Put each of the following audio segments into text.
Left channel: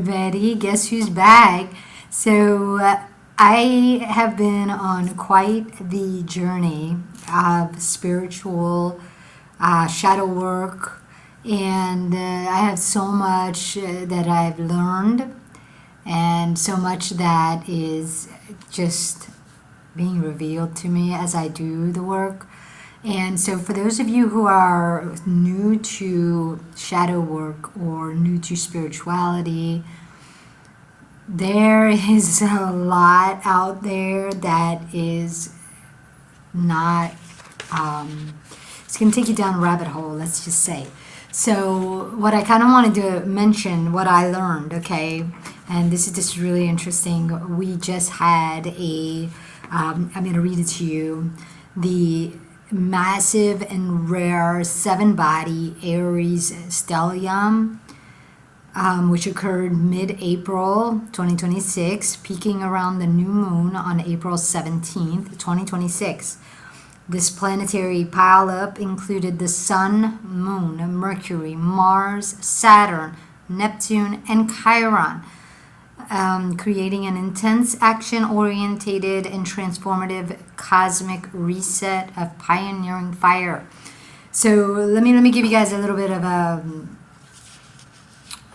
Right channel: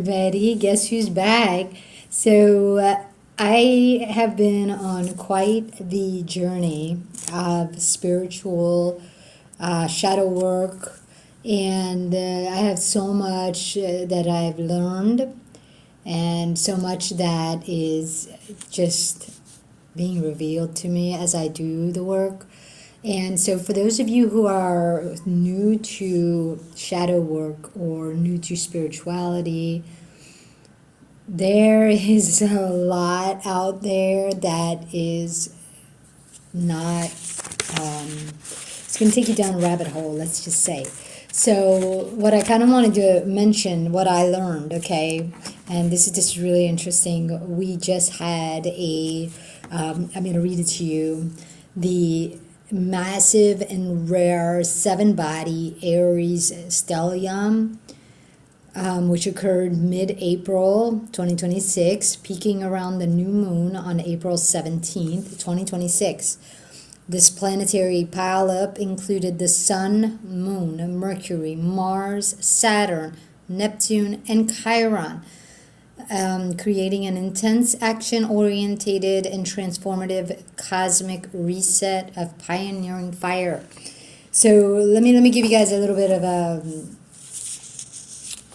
everybody. Guess who's back? So, I have been on quite the journey of spiritual shadow work, and I have so much that I've learned, and so much that is just being revealed to me as I do the work. And so, for those of you who are new to shadow work or new to spirituality, there is a lot out there that is not, it's going to take you down a rabbit hole, let's just say. So, what I kind of wanted to mention, what I learned, okay, and this is just really interesting. We just had I'm going to read it to you, the massive and rare seven-body Aries Stellium, which occurred mid-April 2026, peaking around the new moon on April 17th, 2026. This planetary pileup included the Sun, Moon, Mercury, Mars, Saturn, Neptune, and Chiron, creating an intense, action-orientated, and transformative cosmic reset of pioneering fire. So let me give you guys a little bit of a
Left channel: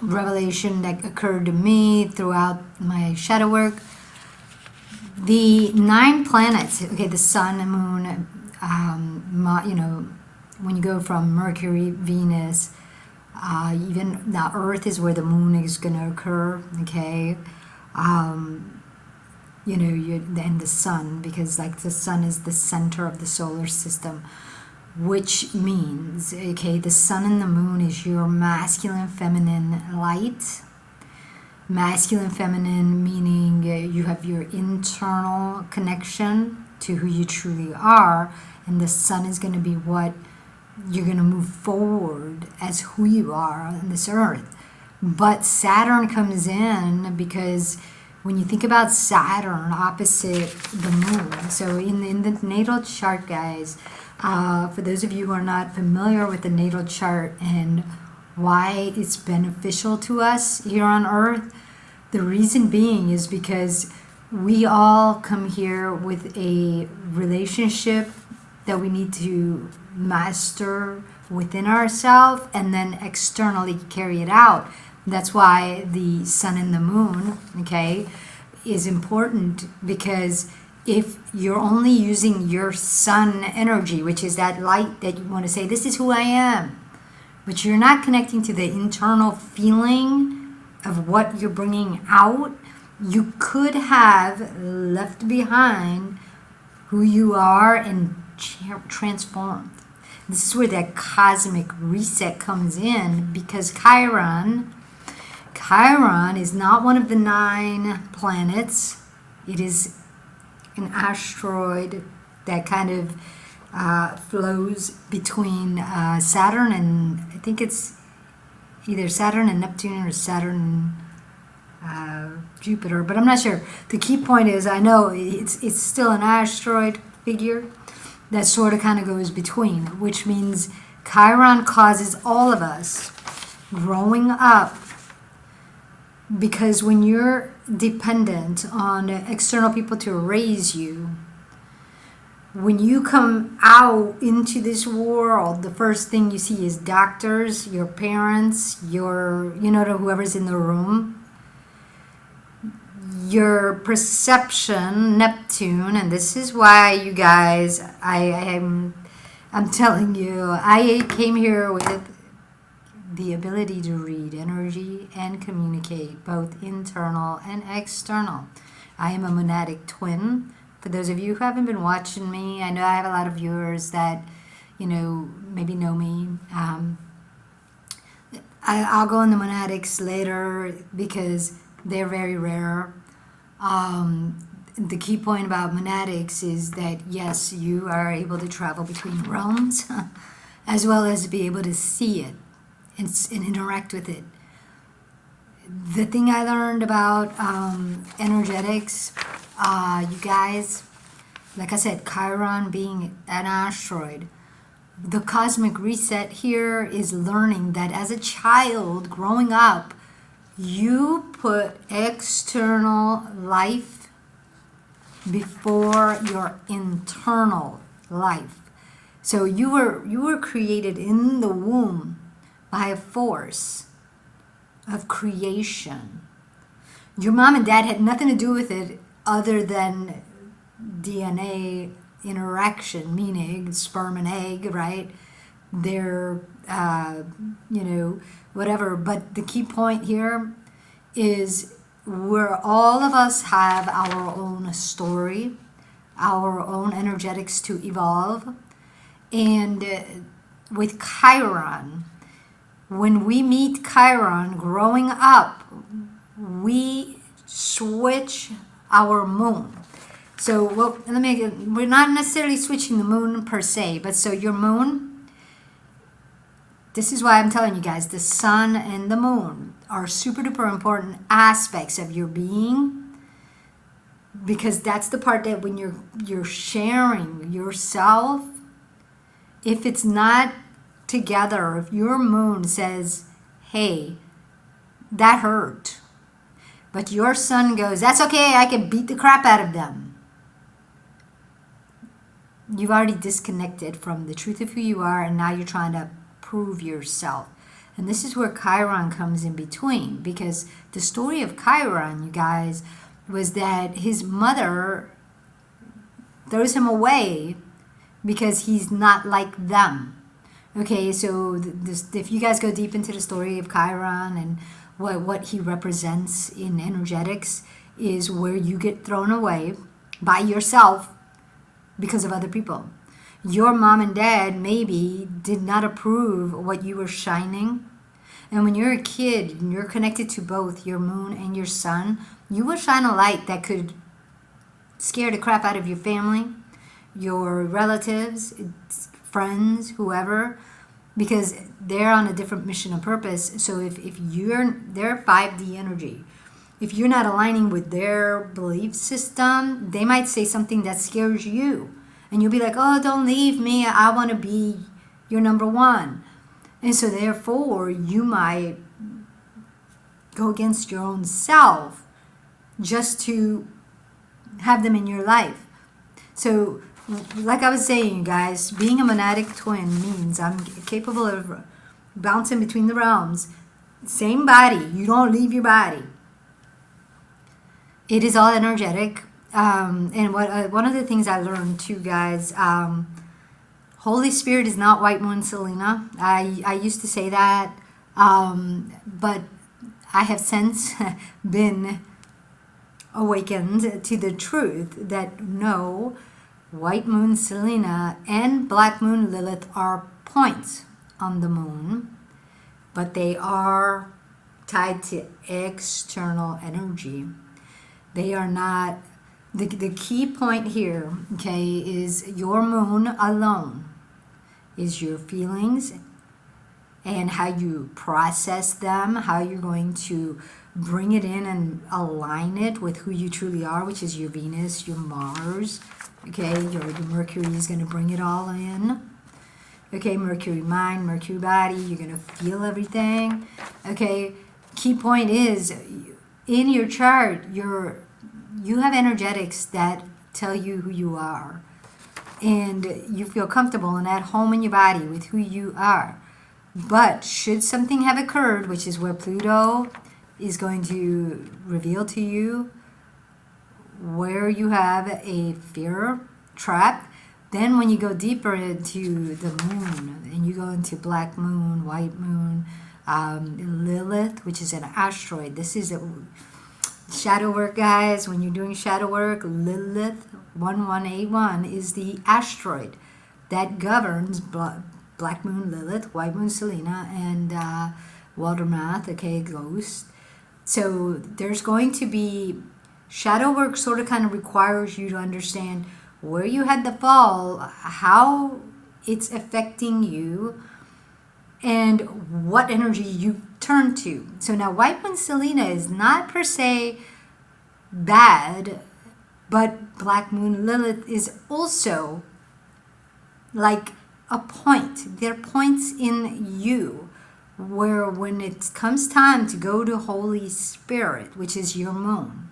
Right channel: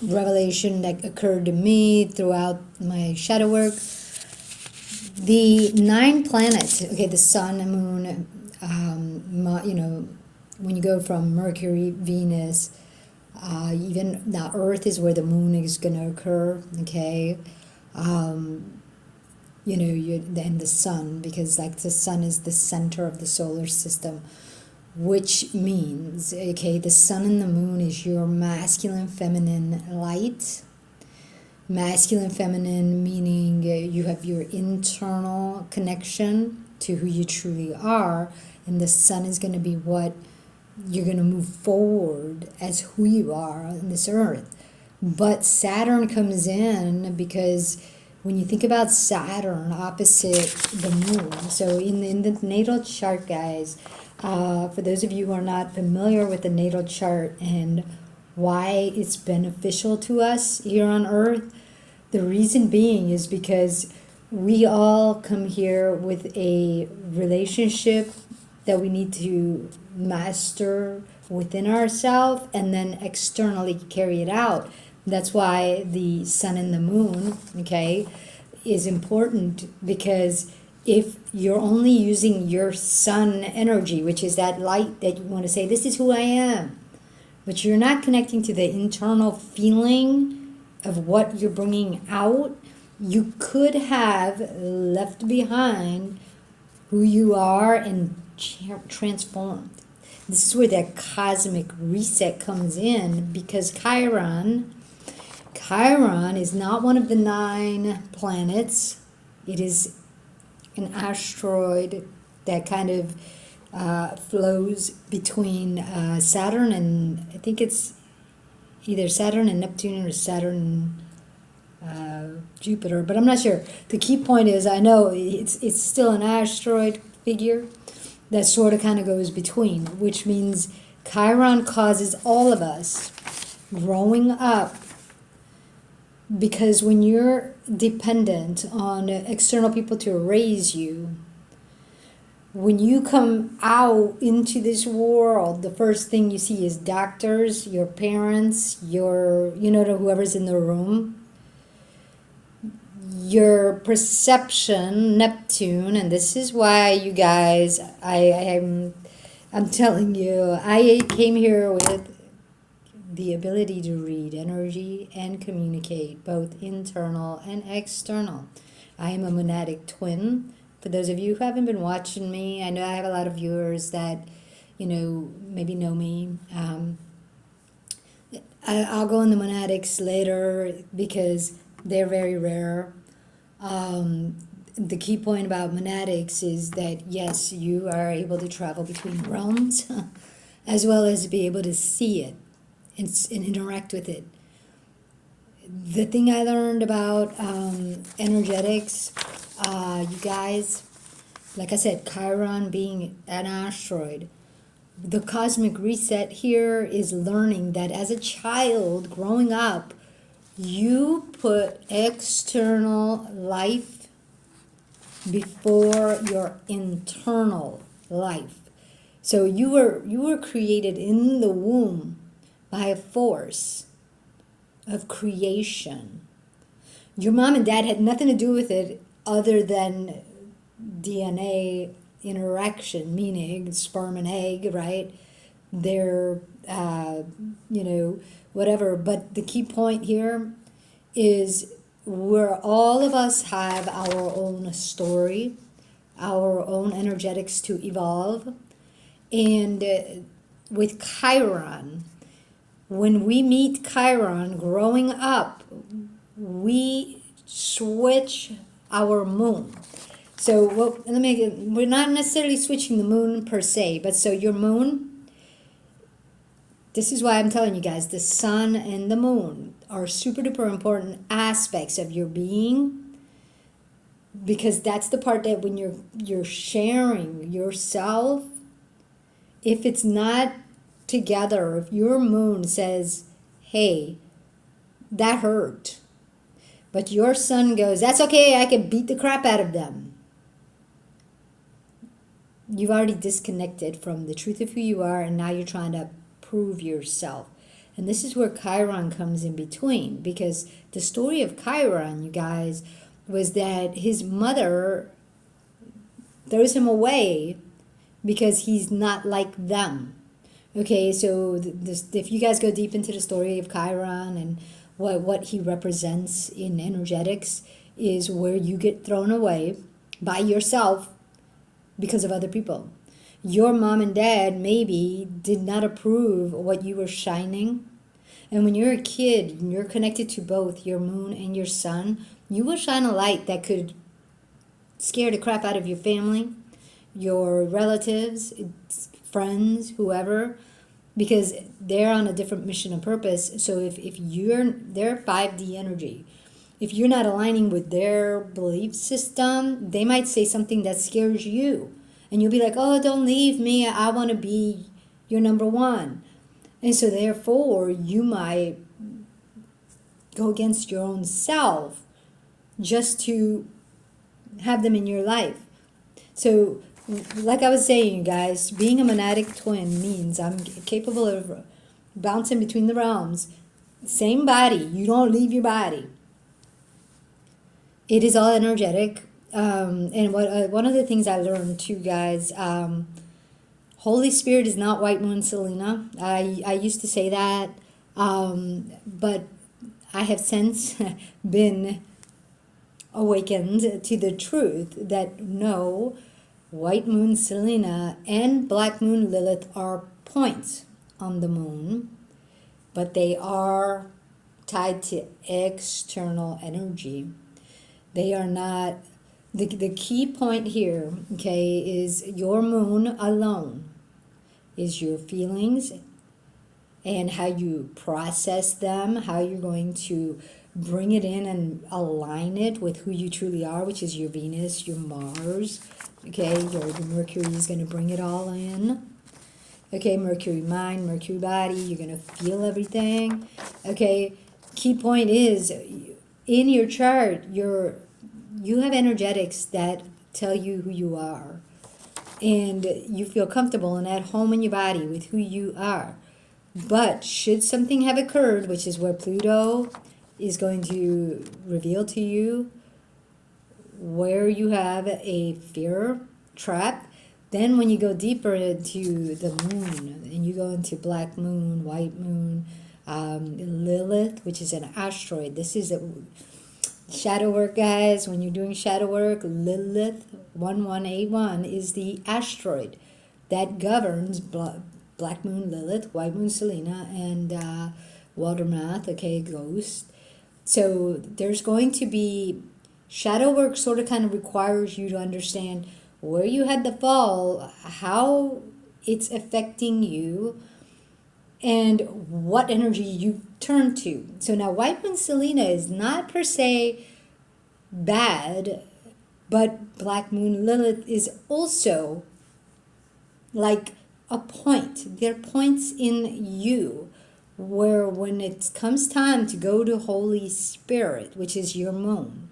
revelation that occurred to me throughout my shadow work. The 9 planets, okay, the Sun, Moon, when you go from Mercury, Venus, even now Earth is where the moon is going to occur, okay, and the sun, because like the sun is the center of the solar system, which means, okay, the sun and the moon is your masculine, feminine light. Masculine, feminine, meaning you have your internal connection to who you truly are, and the sun is going to be what you're going to move forward as who you are on this earth. But Saturn comes in because when you think about Saturn opposite the moon, so in the natal chart, guys, for those of you who are not familiar with the natal chart and why it's beneficial to us here on earth, the reason being is because we all come here with a relationship that we need to master within ourselves and then externally carry it out. That's why the sun and the moon, okay, is important, because if you're only using your sun energy, which is that light that you want to say, this is who I am, but you're not connecting to the internal feeling of what you're bringing out, you could have left behind who you are and transformed. This is where that cosmic reset comes in, because Chiron is not one of the 9 planets. It is an asteroid that kind of flows between Saturn and, I think it's either Saturn and Neptune or Saturn Jupiter, but I'm not sure. The key point is, I know it's still an asteroid figure that sort of kind of goes between, which means Chiron causes all of us growing up, because when you're dependent on external people to raise you, when you come out into this world, the first thing you see is doctors, your parents, whoever's in the room. Your perception, Neptune, and this is why, you guys, I'm telling you, I came here with the ability to read energy and communicate, both internal and external. I am a monadic twin. For those of you who haven't been watching me, I know I have a lot of viewers that, maybe know me. I'll go into monadics later because they're very rare. The key point about monadics is that, yes, you are able to travel between realms as well as be able to see it and interact with it. The thing I learned about energetics, you guys, like I said, Chiron being an asteroid, the cosmic reset here is learning that as a child growing up, You put external life before your internal life. So you were created in the womb by a force of creation. Your mom and dad had nothing to do with it other than DNA interaction, meaning sperm and egg, right? They're, whatever. But the key point here is where all of us have our own story, our own energetics to evolve. And with Chiron, when we meet Chiron growing up, we switch our moon. So, well, we're not necessarily switching the moon per se, but so your moon, this is why I'm telling you guys, the sun and the moon are super duper important aspects of your being, because that's the part that when you're sharing yourself, if it's not together, if your moon says, hey, that hurt, but your sun goes, that's okay, I can beat the crap out of them, you've already disconnected from the truth of who you are, and now you're trying to prove yourself. And this is where Chiron comes in between, because the story of Chiron, you guys, was that his mother throws him away because he's not like them. Okay, so if you guys go deep into the story of Chiron and what he represents in energetics, is where you get thrown away by yourself because of other people. Your mom and dad maybe did not approve what you were shining. And when you're a kid and you're connected to both your moon and your sun, you will shine a light that could scare the crap out of your family, your relatives, friends, whoever, because they're on a different mission and purpose. So if they're 5D energy, if you're not aligning with their belief system, they might say something that scares you. And you'll be like, oh, don't leave me. I want to be your number one. And so therefore, you might go against your own self just to have them in your life. So like I was saying, guys, being a monadic twin means I'm capable of bouncing between the realms. Same body. You don't leave your body. It is all energetic. And one of the things I learned too, guys, Holy Spirit is not White Moon Selena. I used to say that, but I have since been awakened to the truth that no, White Moon Selena and Black Moon Lilith are points on the moon, but they are tied to external energy. They are not. The key point here, okay, is your moon alone is your feelings and how you process them, how you're going to bring it in and align it with who you truly are, which is your Venus, your Mars, okay, your Mercury is going to bring it all in. Okay, Mercury mind, Mercury body, you're going to feel everything. Okay, key point is in your chart, you have energetics that tell you who you are, and you feel comfortable and at home in your body with who you are. But should something have occurred, which is where Pluto is going to reveal to you where you have a fear trap, then when you go deeper into the moon and you go into Black Moon, White Moon, Lilith, which is an asteroid. This is a shadow work, guys. When you're doing shadow work, Lilith 1181 is the asteroid that governs Black Moon Lilith, White Moon Selena, and Waldermath, okay, Ghost. So there's going to be shadow work. Sort of kind of requires you to understand where you had the fall, how it's affecting you, and what energy you turn to. So now White Moon Selena is not per se bad, but Black Moon Lilith is also like a point. They're points in you. where when it comes time to go to Holy Spirit, which is your moon,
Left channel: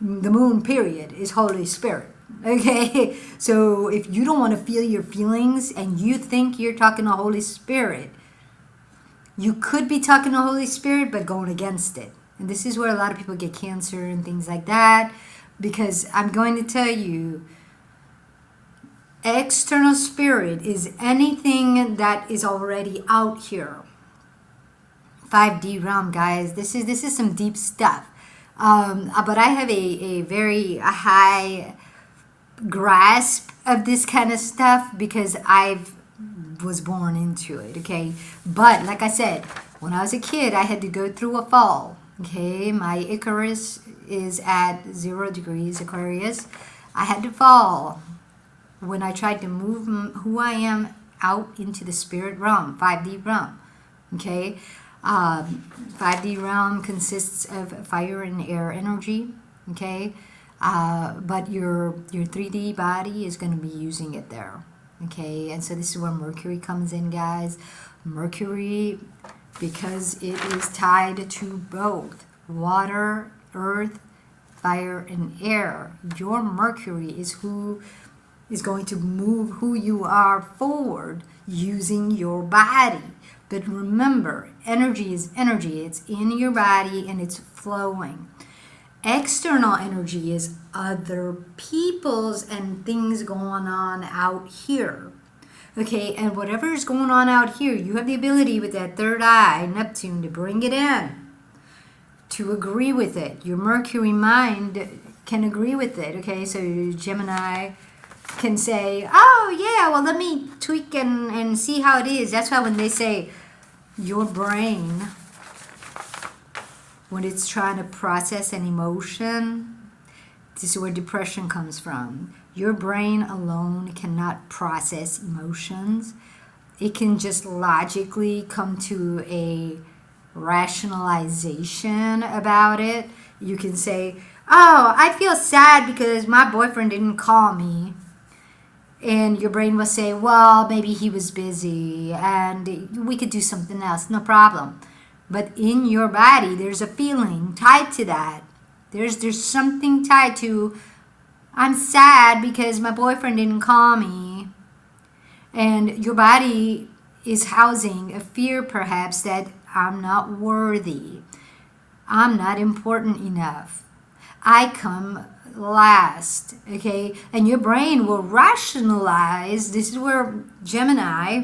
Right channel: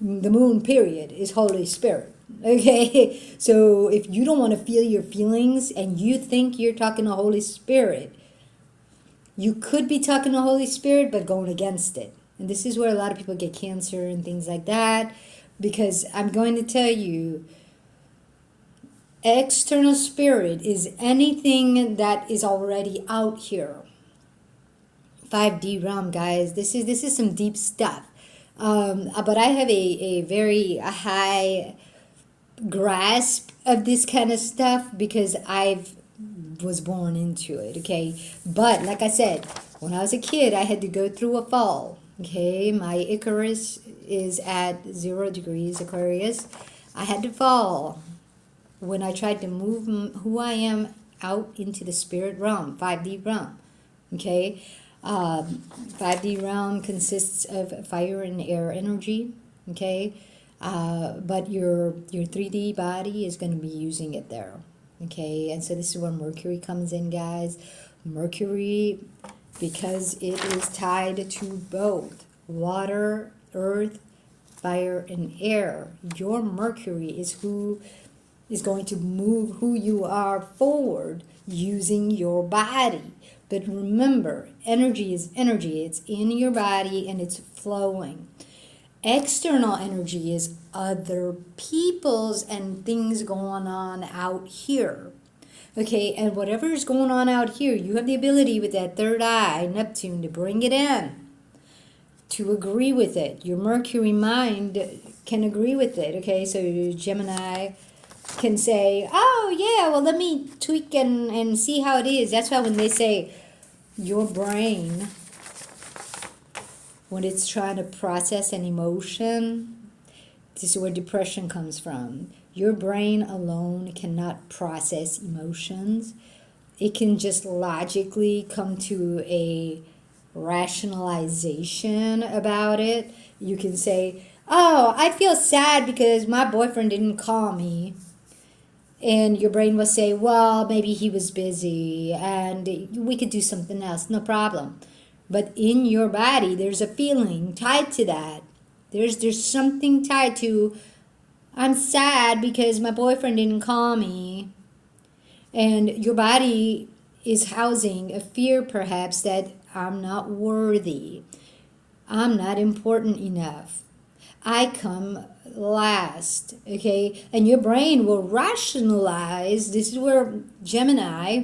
the moon period is Holy Spirit. Okay, so if you don't want to feel your feelings and you think you're talking to Holy Spirit, you could be talking to Holy Spirit but going against it. And this is where a lot of people get cancer and things like that, because I'm going to tell you, external spirit is anything that is already out here. 5D realm, guys. This is some deep stuff. But I have a very high grasp of this kind of stuff because I've was born into it. Okay, but like I said, when I was a kid, I had to go through a fall. Okay, my Icarus is at 0 degrees Aquarius. I had to fall when I tried to move who I am out into the spirit realm, 5D realm. Okay, 5D realm consists of fire and air energy. Okay, but your 3D body is going to be using it there. Okay, and so this is where Mercury comes in, guys. Mercury, because it is tied to both water, earth, fire, and air. Your Mercury is who is going to move who you are forward using your body. But remember, energy is energy. It's in your body and it's flowing. External energy is other people's and things going on out here. Okay, and whatever is going on out here, you have the ability with that third eye, Neptune, to bring it in, to agree with it. Your Mercury mind can agree with it. Okay, so Gemini can say, oh yeah, well let me tweak and see how it is. That's why when they say your brain, when it's trying to process an emotion, this is where depression comes from. Your brain alone cannot process emotions. It can just logically come to a rationalization about it. You can say, oh, I feel sad because my boyfriend didn't call me. And your brain will say, well, maybe he was busy and we could do something else, no problem. But in your body, there's a feeling tied to that. There's something tied to, I'm sad because my boyfriend didn't call me. And your body is housing a fear perhaps that I'm not worthy. I'm not important enough. I come last, okay? And your brain will rationalize. This is where Gemini,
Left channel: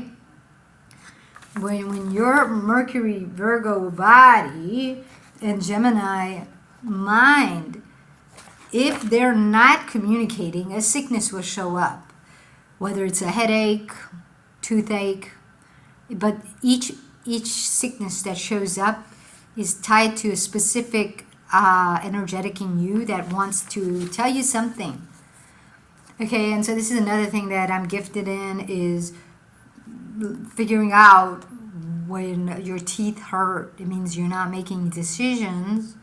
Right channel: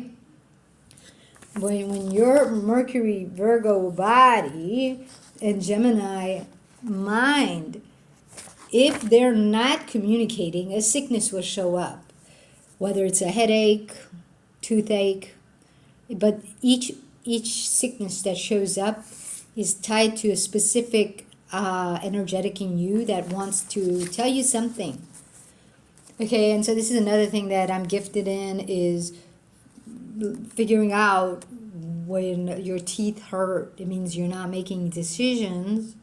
when your Mercury Virgo body and Gemini mind, if they're not communicating, a sickness will show up, whether it's a headache, toothache, but each sickness that shows up is tied to a specific energetic in you that wants to tell you something. Okay, and so this is another thing that I'm gifted in, is figuring out when your teeth hurt. It means you're not making decisions,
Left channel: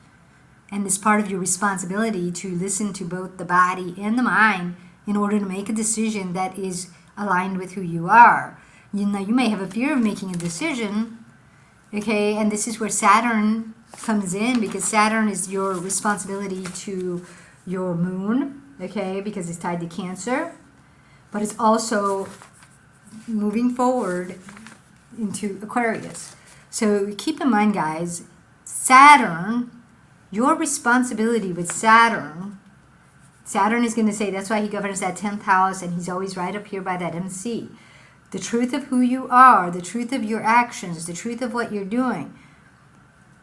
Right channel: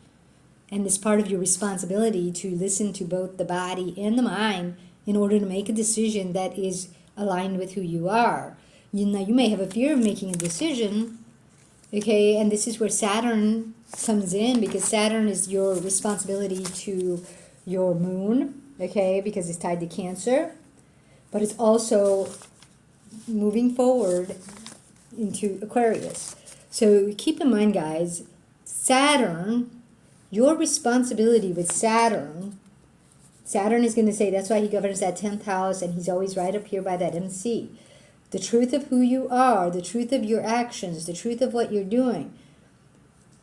and it's part of your responsibility to listen to both the body and the mind in order to make a decision that is aligned with who you are. You know, you may have a fear of making a decision, okay, and this is where Saturn comes in, because Saturn is your responsibility to your moon, okay, because it's tied to Cancer, but it's also moving forward into Aquarius. So keep in mind, guys, Saturn, your responsibility with Saturn is going to say, that's why he governs that 10th house, and he's always right up here by that MC. The truth of who you are, the truth of your actions, the truth of what you're doing,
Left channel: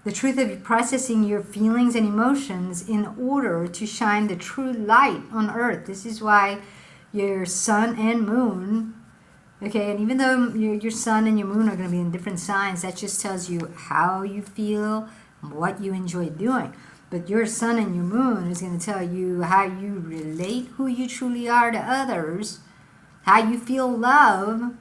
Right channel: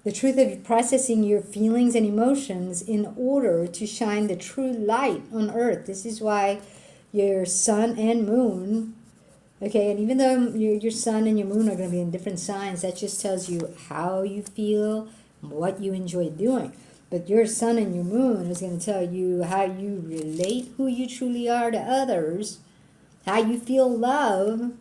the truth of processing your feelings and emotions in order to shine the true light on earth. This is why your sun and moon, okay, and even though your sun and your moon are going to be in different signs, that just tells you how you feel, what you enjoy doing. But your sun and your moon is going to tell you how you relate, who you truly are to others, how you feel love,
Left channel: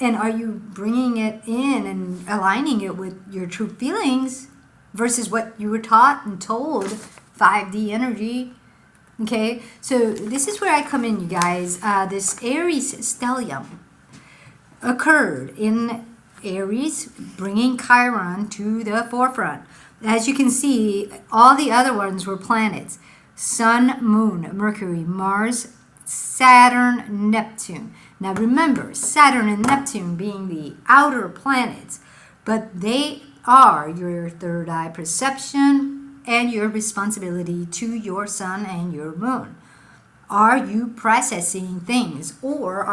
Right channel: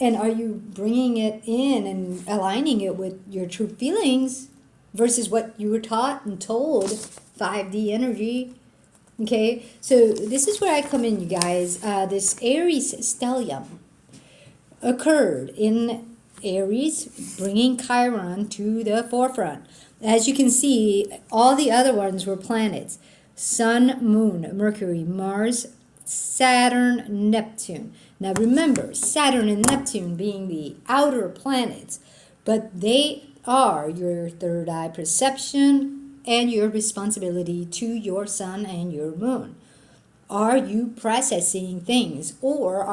and are you bringing it in and aligning it with your true feelings versus what you were taught and told, 5D energy. Okay, so this is where I come in, you guys. This Aries Stellium occurred in Aries, bringing Chiron to the forefront. As you can see, all the other ones were planets. Sun, Moon, Mercury, Mars, Saturn, Neptune. Now remember, Saturn and Neptune being the outer planets, but they are your third eye perception and your responsibility to your sun and your moon. Are you processing things, or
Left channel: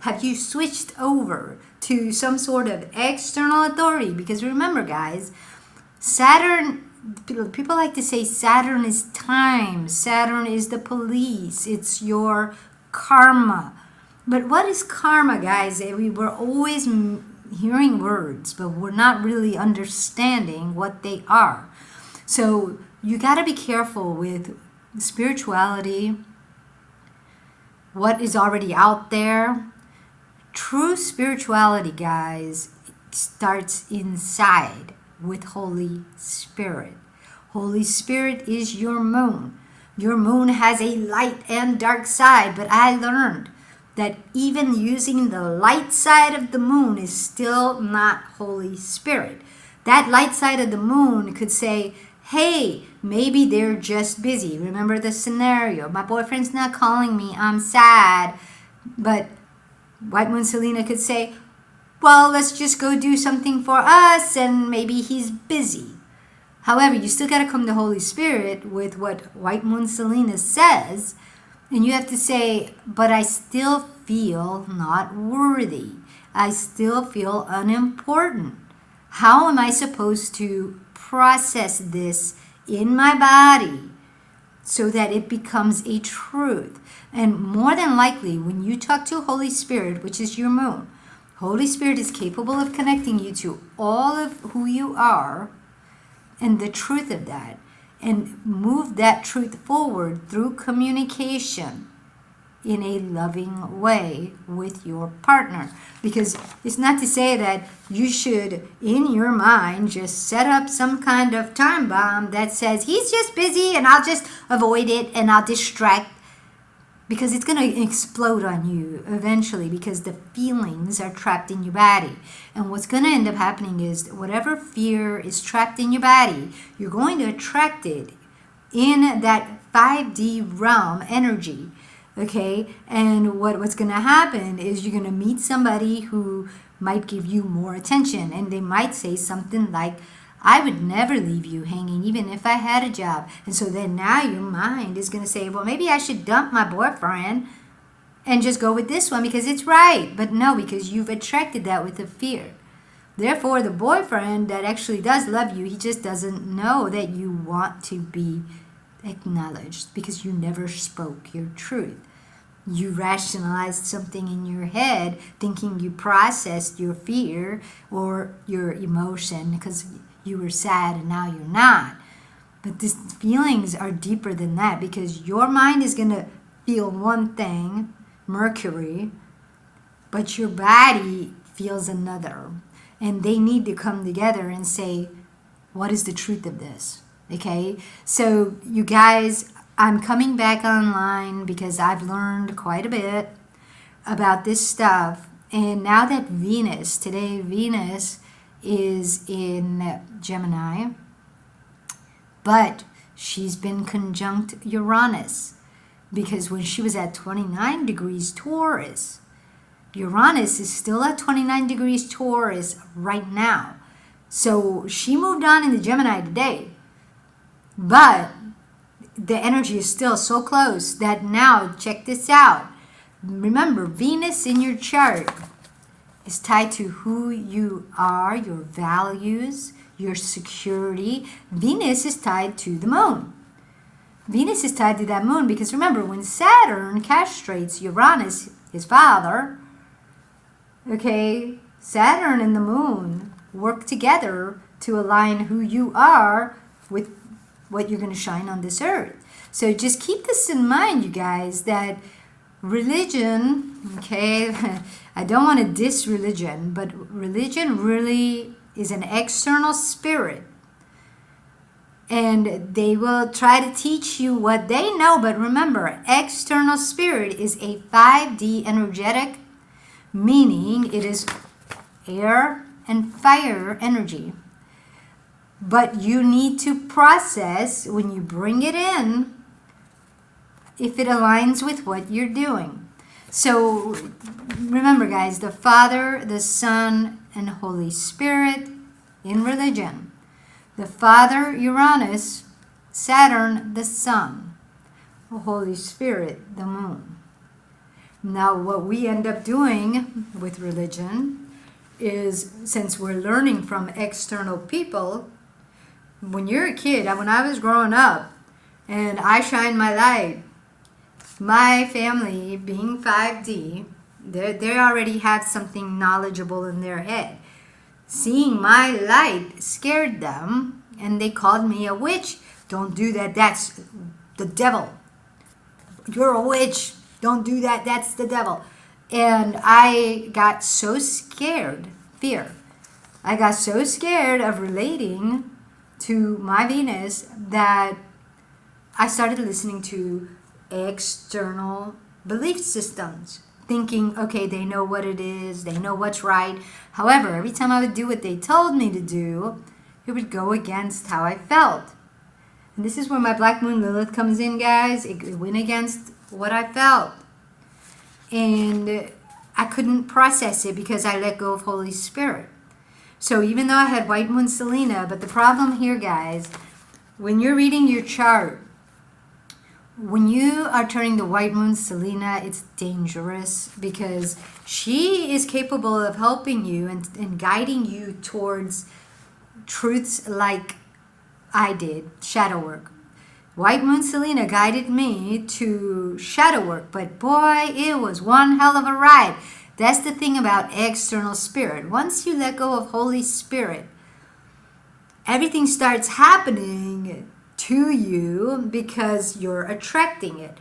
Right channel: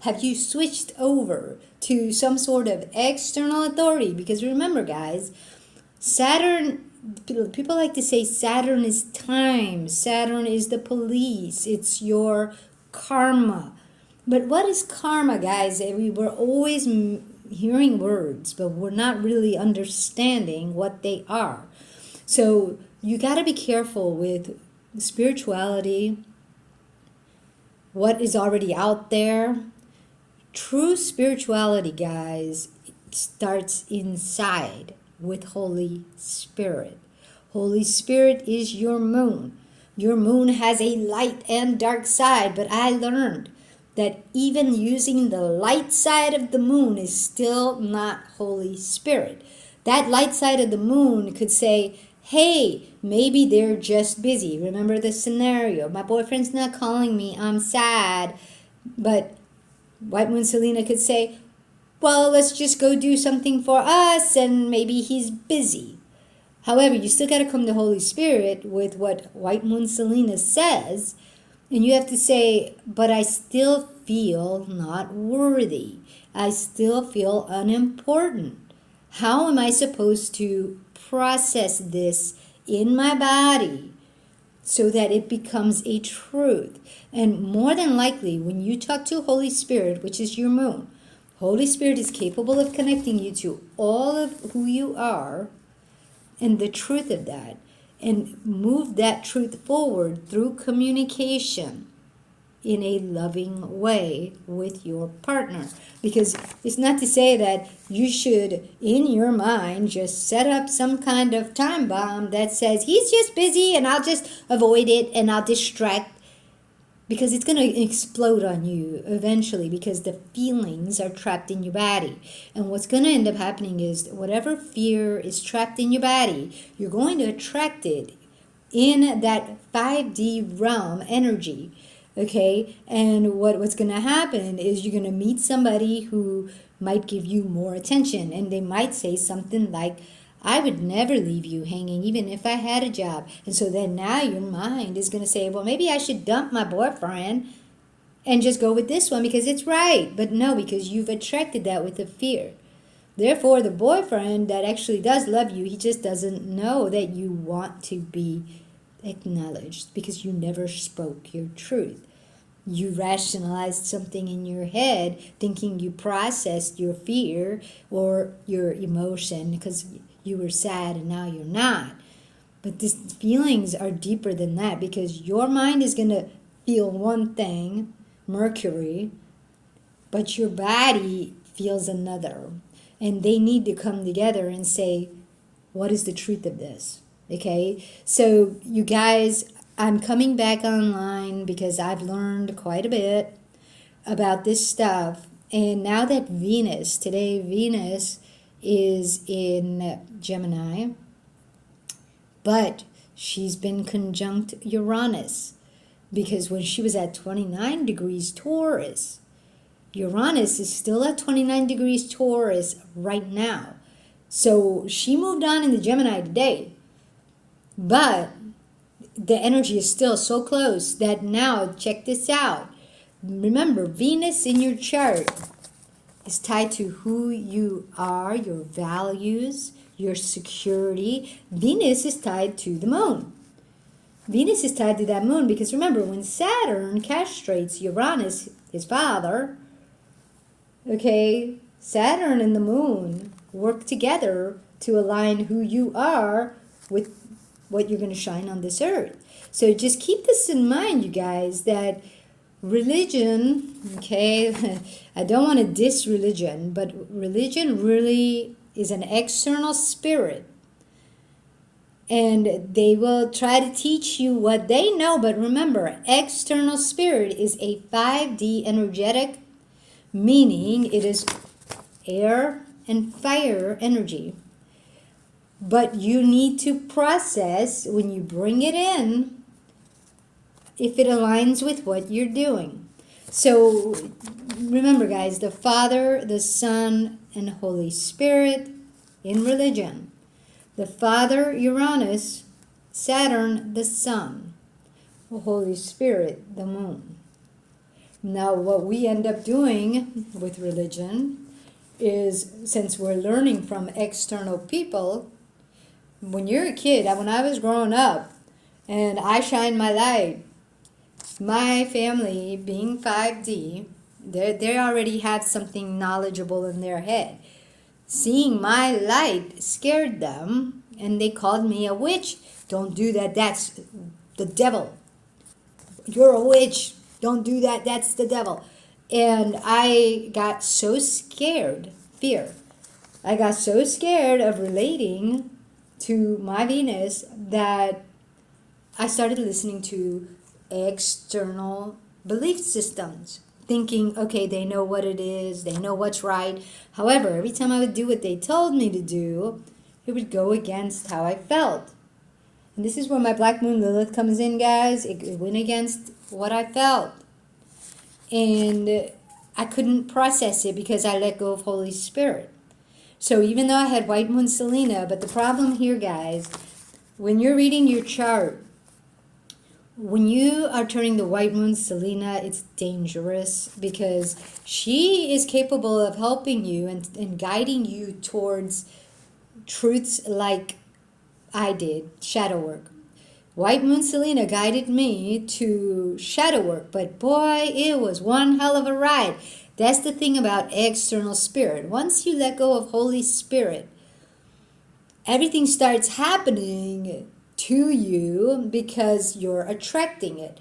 have you switched over to some sort of external authority? Because remember, guys, Saturn, people like to say Saturn is time, Saturn is the police, it's your karma. But what is karma, guys? We're always hearing words, but we're not really understanding what they are. So you got to be careful with spirituality, what is already out there. True spirituality, guys, starts inside with Holy Spirit. Holy Spirit is your moon. Your moon has a light and dark side, but I learned that even using the light side of the moon is still not Holy Spirit. That light side of the moon could say, hey, maybe they're just busy. Remember the scenario. My boyfriend's not calling me. I'm sad. But White Moon Selena could say, well, let's just go do something for us, and maybe he's busy. However, you still got to come to Holy Spirit with what White Moon Selena says, and you have to say, but I still feel not worthy. I still feel unimportant. How am I supposed to process this in my body so that it becomes a truth? And more than likely, when you talk to Holy Spirit, which is your moon, Holy Spirit is capable of connecting you to all of who you are and the truth of that, and move that truth forward through communication in a loving way with your partner. Because it's not to say that you should, in your mind, just set up some kind of time bomb that says, he's just busy and I'll just avoid it and I'll distract. Because it's going to explode on you eventually, because the feelings are trapped in your body. And what's going to end up happening is whatever fear is trapped in your body, you're going to attract it in that 5D realm energy. Okay? And what's going to happen is you're going to meet somebody who might give you more attention. And they might say something like, I would never leave you hanging even if I had a job. And so then now your mind is going to say, well, maybe I should dump my boyfriend and just go with this one because it's right. But no, because you've attracted that with a fear. Therefore, the boyfriend that actually does love you, he just doesn't know that you want to be acknowledged because you never spoke your truth. You rationalized something in your head thinking you processed your fear or your emotion because you were sad and now you're not. But these feelings are deeper than that, because your mind is going to feel one thing, Mercury, but your body feels another. And they need to come together and say, what is the truth of this? Okay? So you guys, I'm coming back online because I've learned quite a bit about this stuff. And now that Venus is in Gemini, but she's been conjunct Uranus, because when she was at 29 degrees Taurus, Uranus is still at 29 degrees Taurus right now. So she moved on into Gemini today, but the energy is still so close that now, check this out. Remember, Venus in your chart is tied to who you are, your values, your security. Venus is tied to the moon. Venus is tied to that moon because remember, when Saturn castrates Uranus, his father, okay, Saturn and the moon work together to align who you are with what you're going to shine on this earth. So just keep this in mind, you guys, that religion, okay, I don't want to diss religion, but religion really is an external spirit. And they will try to teach you what they know, but remember, external spirit is a 5D energetic, meaning it is air and fire energy. But you need to process when you bring it in if it aligns with what you're doing. So remember, guys, the Father, the Son, and Holy Spirit in religion. The Father, Uranus, Saturn, the Sun, the Holy Spirit, the Moon. Now, what we end up doing with religion is, since we're learning from external people, when you're a kid, when I was growing up, and I shine my light, my family, being 5D, they already have something knowledgeable in their head. Seeing my light scared them, and they called me a witch. Don't do that, that's the devil. You're a witch. Don't do that, that's the devil. And I got so scared, fear. I got so scared of relating to my Venus that I started listening to external belief systems, thinking, okay, they know what it is, they know what's right. However, every time I would do what they told me to do, it would go against how I felt. And this is where my Black Moon Lilith comes in, guys. It went against what I felt. And I couldn't process it because I let go of Holy Spirit. So even though I had White Moon Selena, but the problem here, guys, when you're reading your chart, when you are turning the White Moon Selena, it's dangerous because she is capable of helping you and guiding you towards truths like I did, shadow work. White Moon Selena guided me to shadow work, but boy, it was one hell of a ride. That's the thing about external spirit. Once you let go of Holy Spirit, everything starts happening to you because you're attracting it.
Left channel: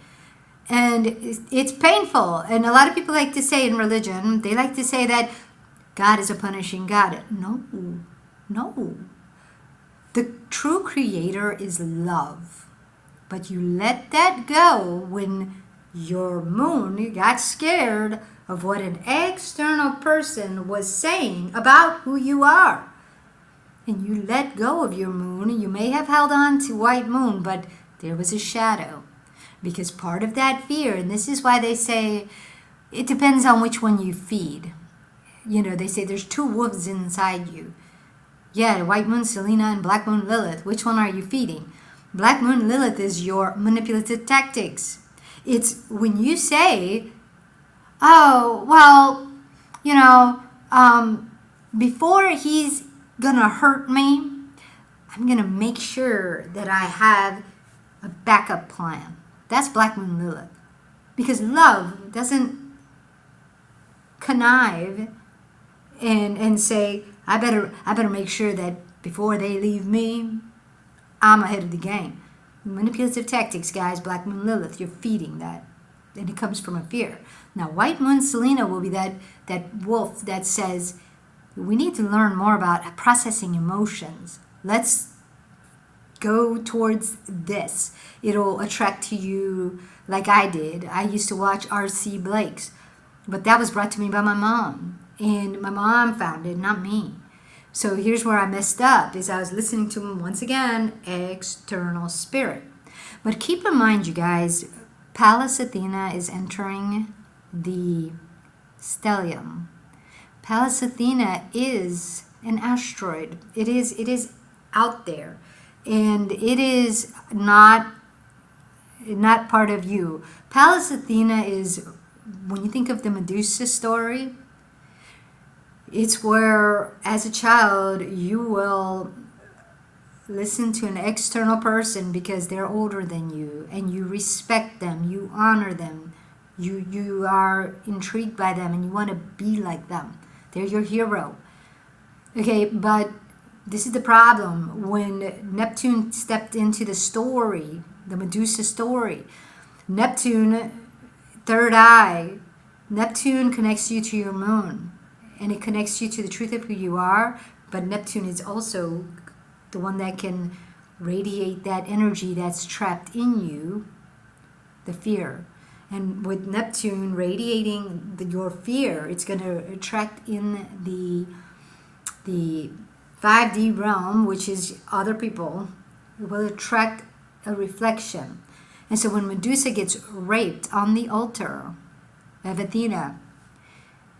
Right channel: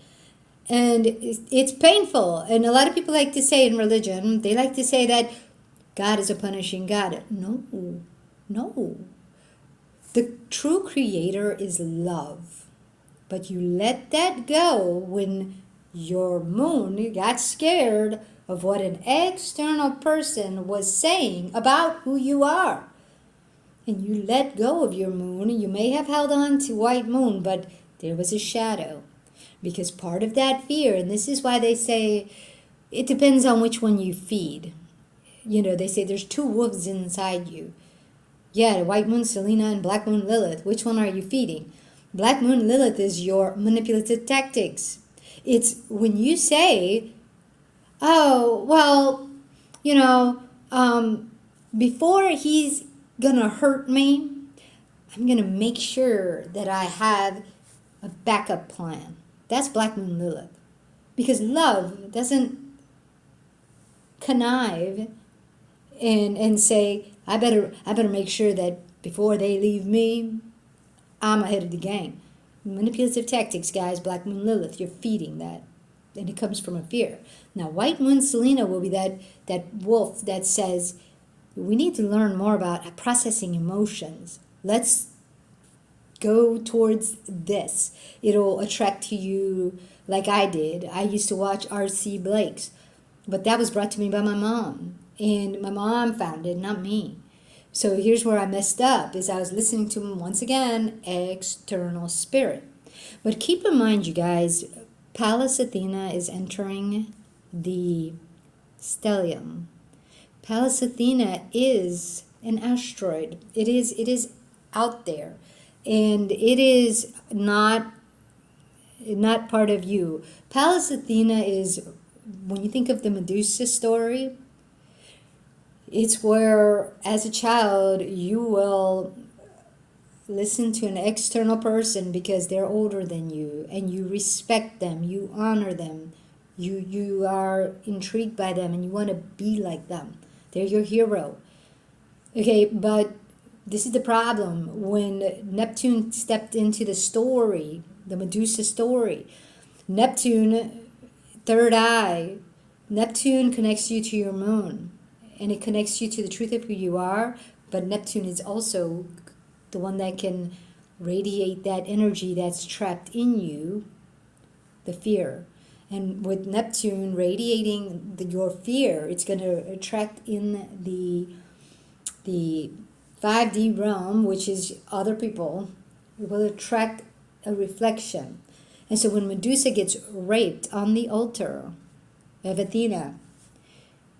And it's painful. And a lot of people like to say in religion, they like to say that God is a punishing God. No, no. The true creator is love. But you let that go when your moon got scared of what an external person was saying about who you are. And you let go of your moon. You may have held on to White Moon, but there was a shadow. Because part of that fear, and this is why they say it depends on which one you feed. You know, they say there's two wolves inside you. Yeah, White Moon Selena and Black Moon Lilith. Which one are you feeding? Black Moon Lilith is your manipulative tactics. It's when you say, oh, well, you know, before he's gonna hurt me, I'm gonna make sure that I have a backup plan. That's Black Moon Lilith. Because love doesn't connive and say, I better make sure that before they leave me, I'm ahead of the game. Manipulative tactics, guys, Black Moon Lilith, you're feeding that. And it comes from a fear. Now, White Moon Selena will be that wolf that says, we need to learn more about processing emotions. Let's go towards this. It'll attract to you like I did. I used to watch R.C. Blake's, but that was brought to me by my mom. And my mom found it, not me. So here's where I messed up, is I was listening to him once again, external spirit. But keep in mind, you guys, Pallas Athena is entering the stellium. Pallas Athena is an asteroid. It is out there, and it is not part of you. Pallas Athena is, when you think of the Medusa story, it's where, as a child, you will listen to an external person because they're older than you, and you respect them, you honor them, you are intrigued by them, and you want to be like them. They're your hero. Okay, but this is the problem. When Neptune stepped into the story, the Medusa story, Neptune, third eye, Neptune connects you to your moon. And it connects you to the truth of who you are, but Neptune is also the one that can radiate that energy that's trapped in you, the fear. And with Neptune radiating your fear, it's going to attract in the 5D realm, which is other people. It will attract a reflection. And so when Medusa gets raped on the altar of Athena,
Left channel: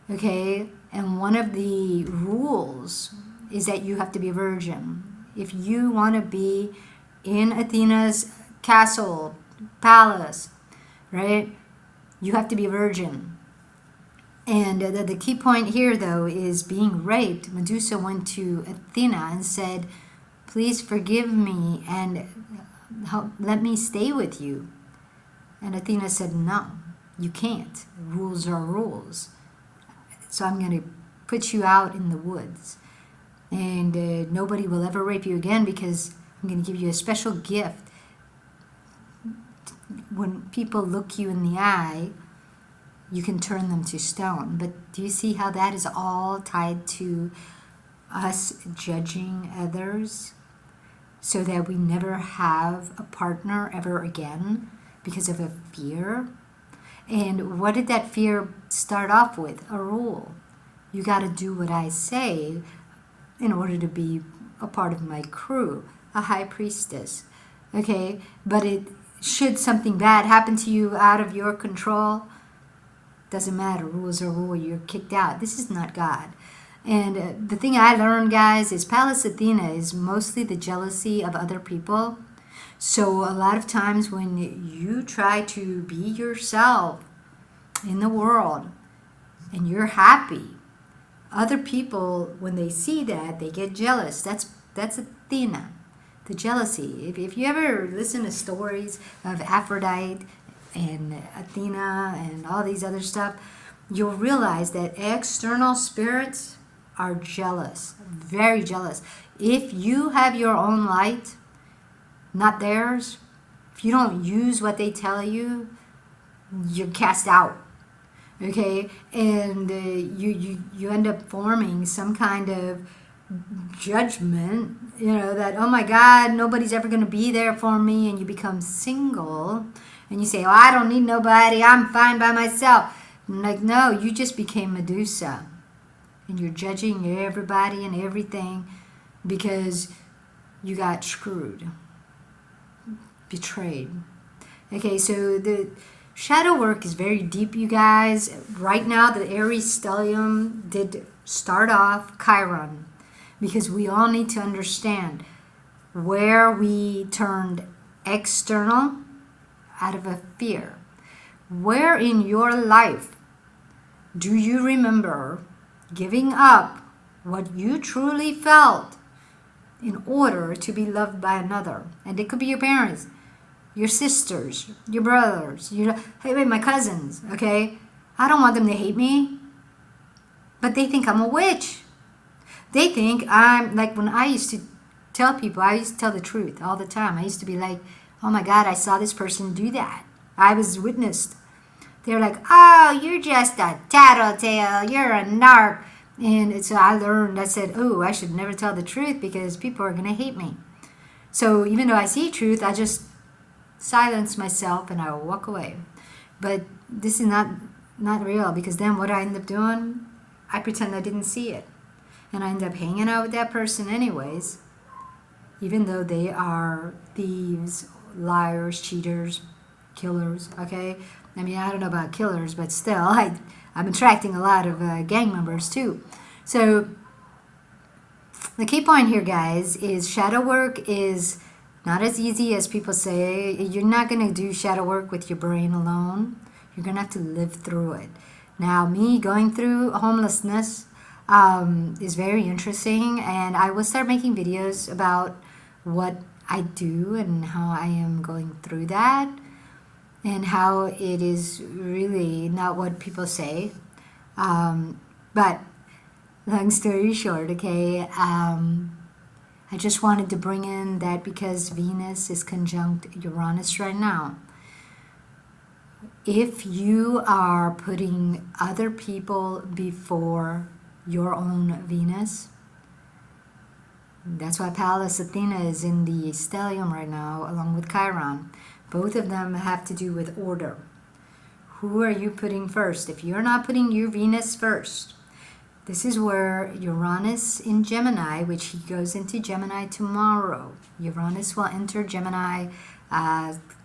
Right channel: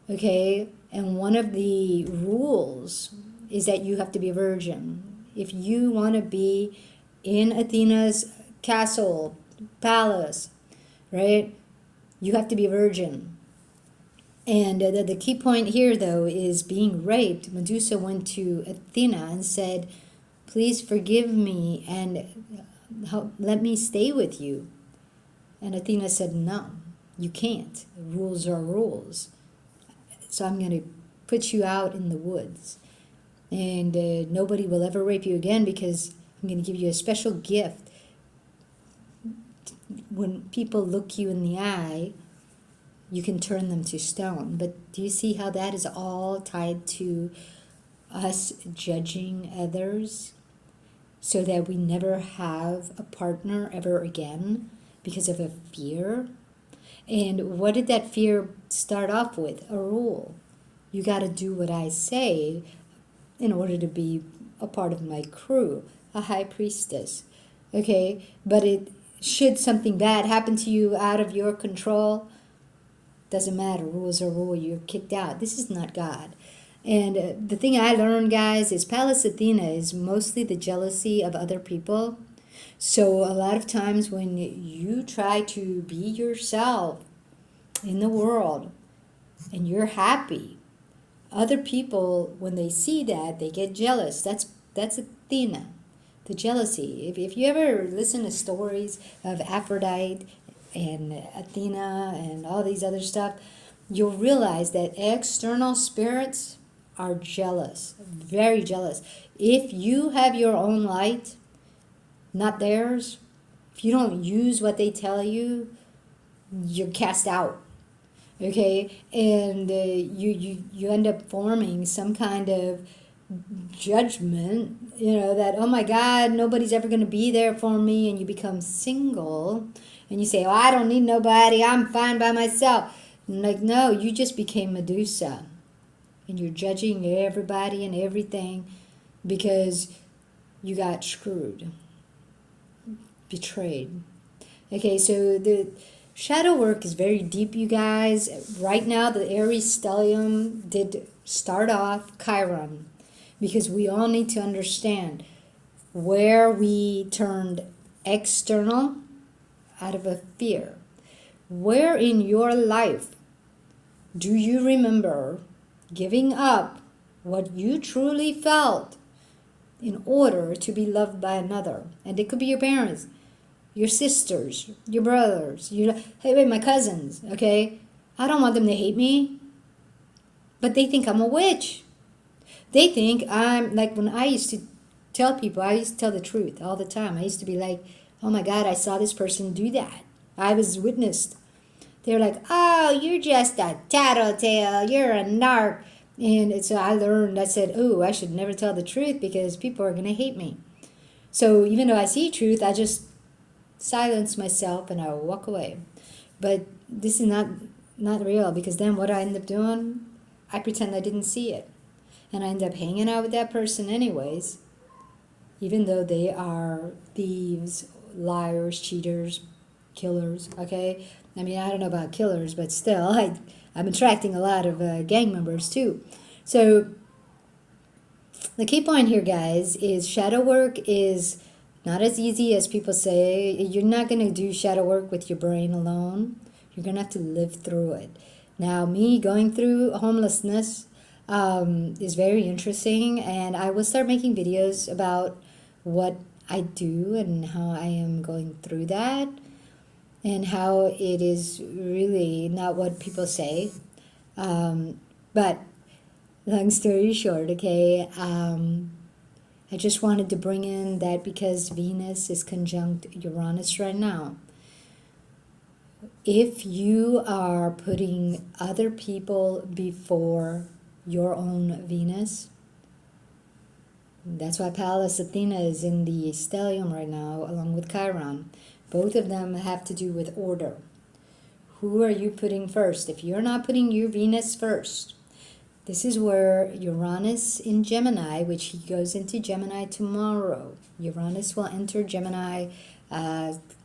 okay, and one of the rules is that you have to be a virgin. If you want to be in Athena's castle, palace, right, you have to be a virgin. And the key point here, though, is being raped. Medusa went to Athena and said, please forgive me and let me stay with you. And Athena said, no, you can't. Rules are rules. So I'm going to put you out in the woods. And nobody will ever rape you again because I'm going to give you a special gift. When people look you in the eye, you can turn them to stone. But do you see how that is all tied to us judging others so that we never have a partner ever again because of a fear? And what did that fear start off with? A rule. You got to do what I say in order to be a part of my crew, a high priestess. Okay? But should something bad happen to you out of your control, doesn't matter. Rules are rule. You're kicked out. This is not God. And the thing I learned, guys, is Pallas Athena is mostly the jealousy of other people. So a lot of times when you try to be yourself in the world and you're happy, other people, when they see that, they get jealous. That's Athena, the jealousy. If you ever listen to stories of Aphrodite and Athena and all these other stuff, you'll realize that external spirits are jealous, very jealous. If you have your own light, not theirs, if you don't use what they tell you, you're cast out. Okay? And you end up forming some kind of judgment, that, oh my God, nobody's ever going to be there for me, and you become single. And you say, oh, I don't need nobody. I'm fine by myself. And like, no, you just became Medusa. And you're judging everybody and everything because you got screwed, betrayed. Okay, so the shadow work is very deep, you guys. Right now, the Aries Stellium did start off Chiron because we all need to understand where we turned external out of a fear. Where in your life do you remember giving up what you truly felt in order to be loved by another? And it could be your parents, your sisters, your brothers, my cousins, okay? I don't want them to hate me, but they think I'm a witch. They think I'm, like when I used to tell people, I used to tell the truth all the time. I used to be like, oh my God, I saw this person do that. I was witnessed. They're like, oh, you're just a tattletale. You're a narc. And so I learned, I said, oh, I should never tell the truth because people are going to hate me. So even though I see truth, I just silence myself and I walk away. But this is not real because then what I end up doing, I pretend I didn't see it. And I end up hanging out with that person anyways, even though they are thieves, liars, cheaters, killers, okay? I mean, I don't know about killers, but still, I'm attracting a lot of gang members too. So the key point here, guys, is shadow work is not as easy as people say. You're not going to do shadow work with your brain alone. You're going to have to live through it. Now, me going through homelessness is very interesting, and I will start making videos about what I do and how I am going through that and how it is really not what people say. But long story short, okay, I just wanted to bring in that because Venus is conjunct Uranus right now. If you are putting other people before your own Venus, that's why Pallas Athena is in the stellium right now, along with Chiron. Both of them have to do with order. Who are you putting first? If you're not putting your Venus first, this is where Uranus in Gemini, which he goes into Gemini tomorrow. Uranus will enter Gemini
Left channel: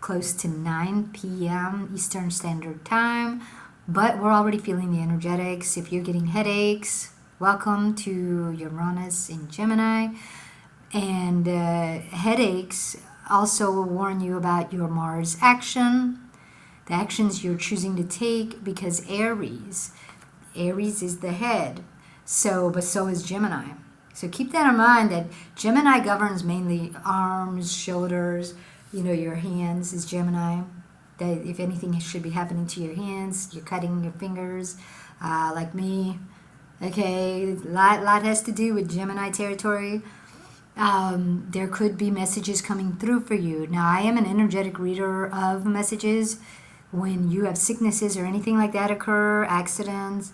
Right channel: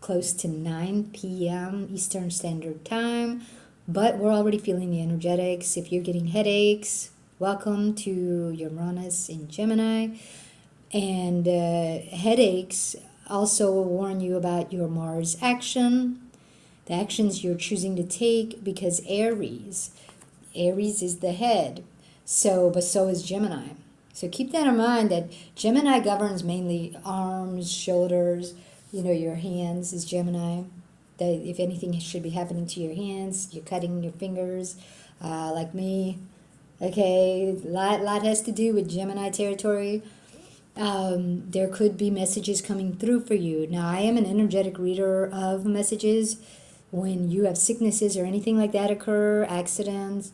close to 9 p.m. Eastern Standard Time, but we're already feeling the energetics. If you're getting headaches, welcome to Uranus in Gemini. And headaches also warn you about your Mars action, the actions you're choosing to take, because Aries is the head. But so is Gemini. So keep that in mind, that Gemini governs mainly arms, shoulders, your hands is Gemini. That if anything should be happening to your hands, you're cutting your fingers, like me. Okay, lot has to do with Gemini territory. There could be messages coming through for you. Now, I am an energetic reader of messages. When you have sicknesses or anything like that occur, accidents,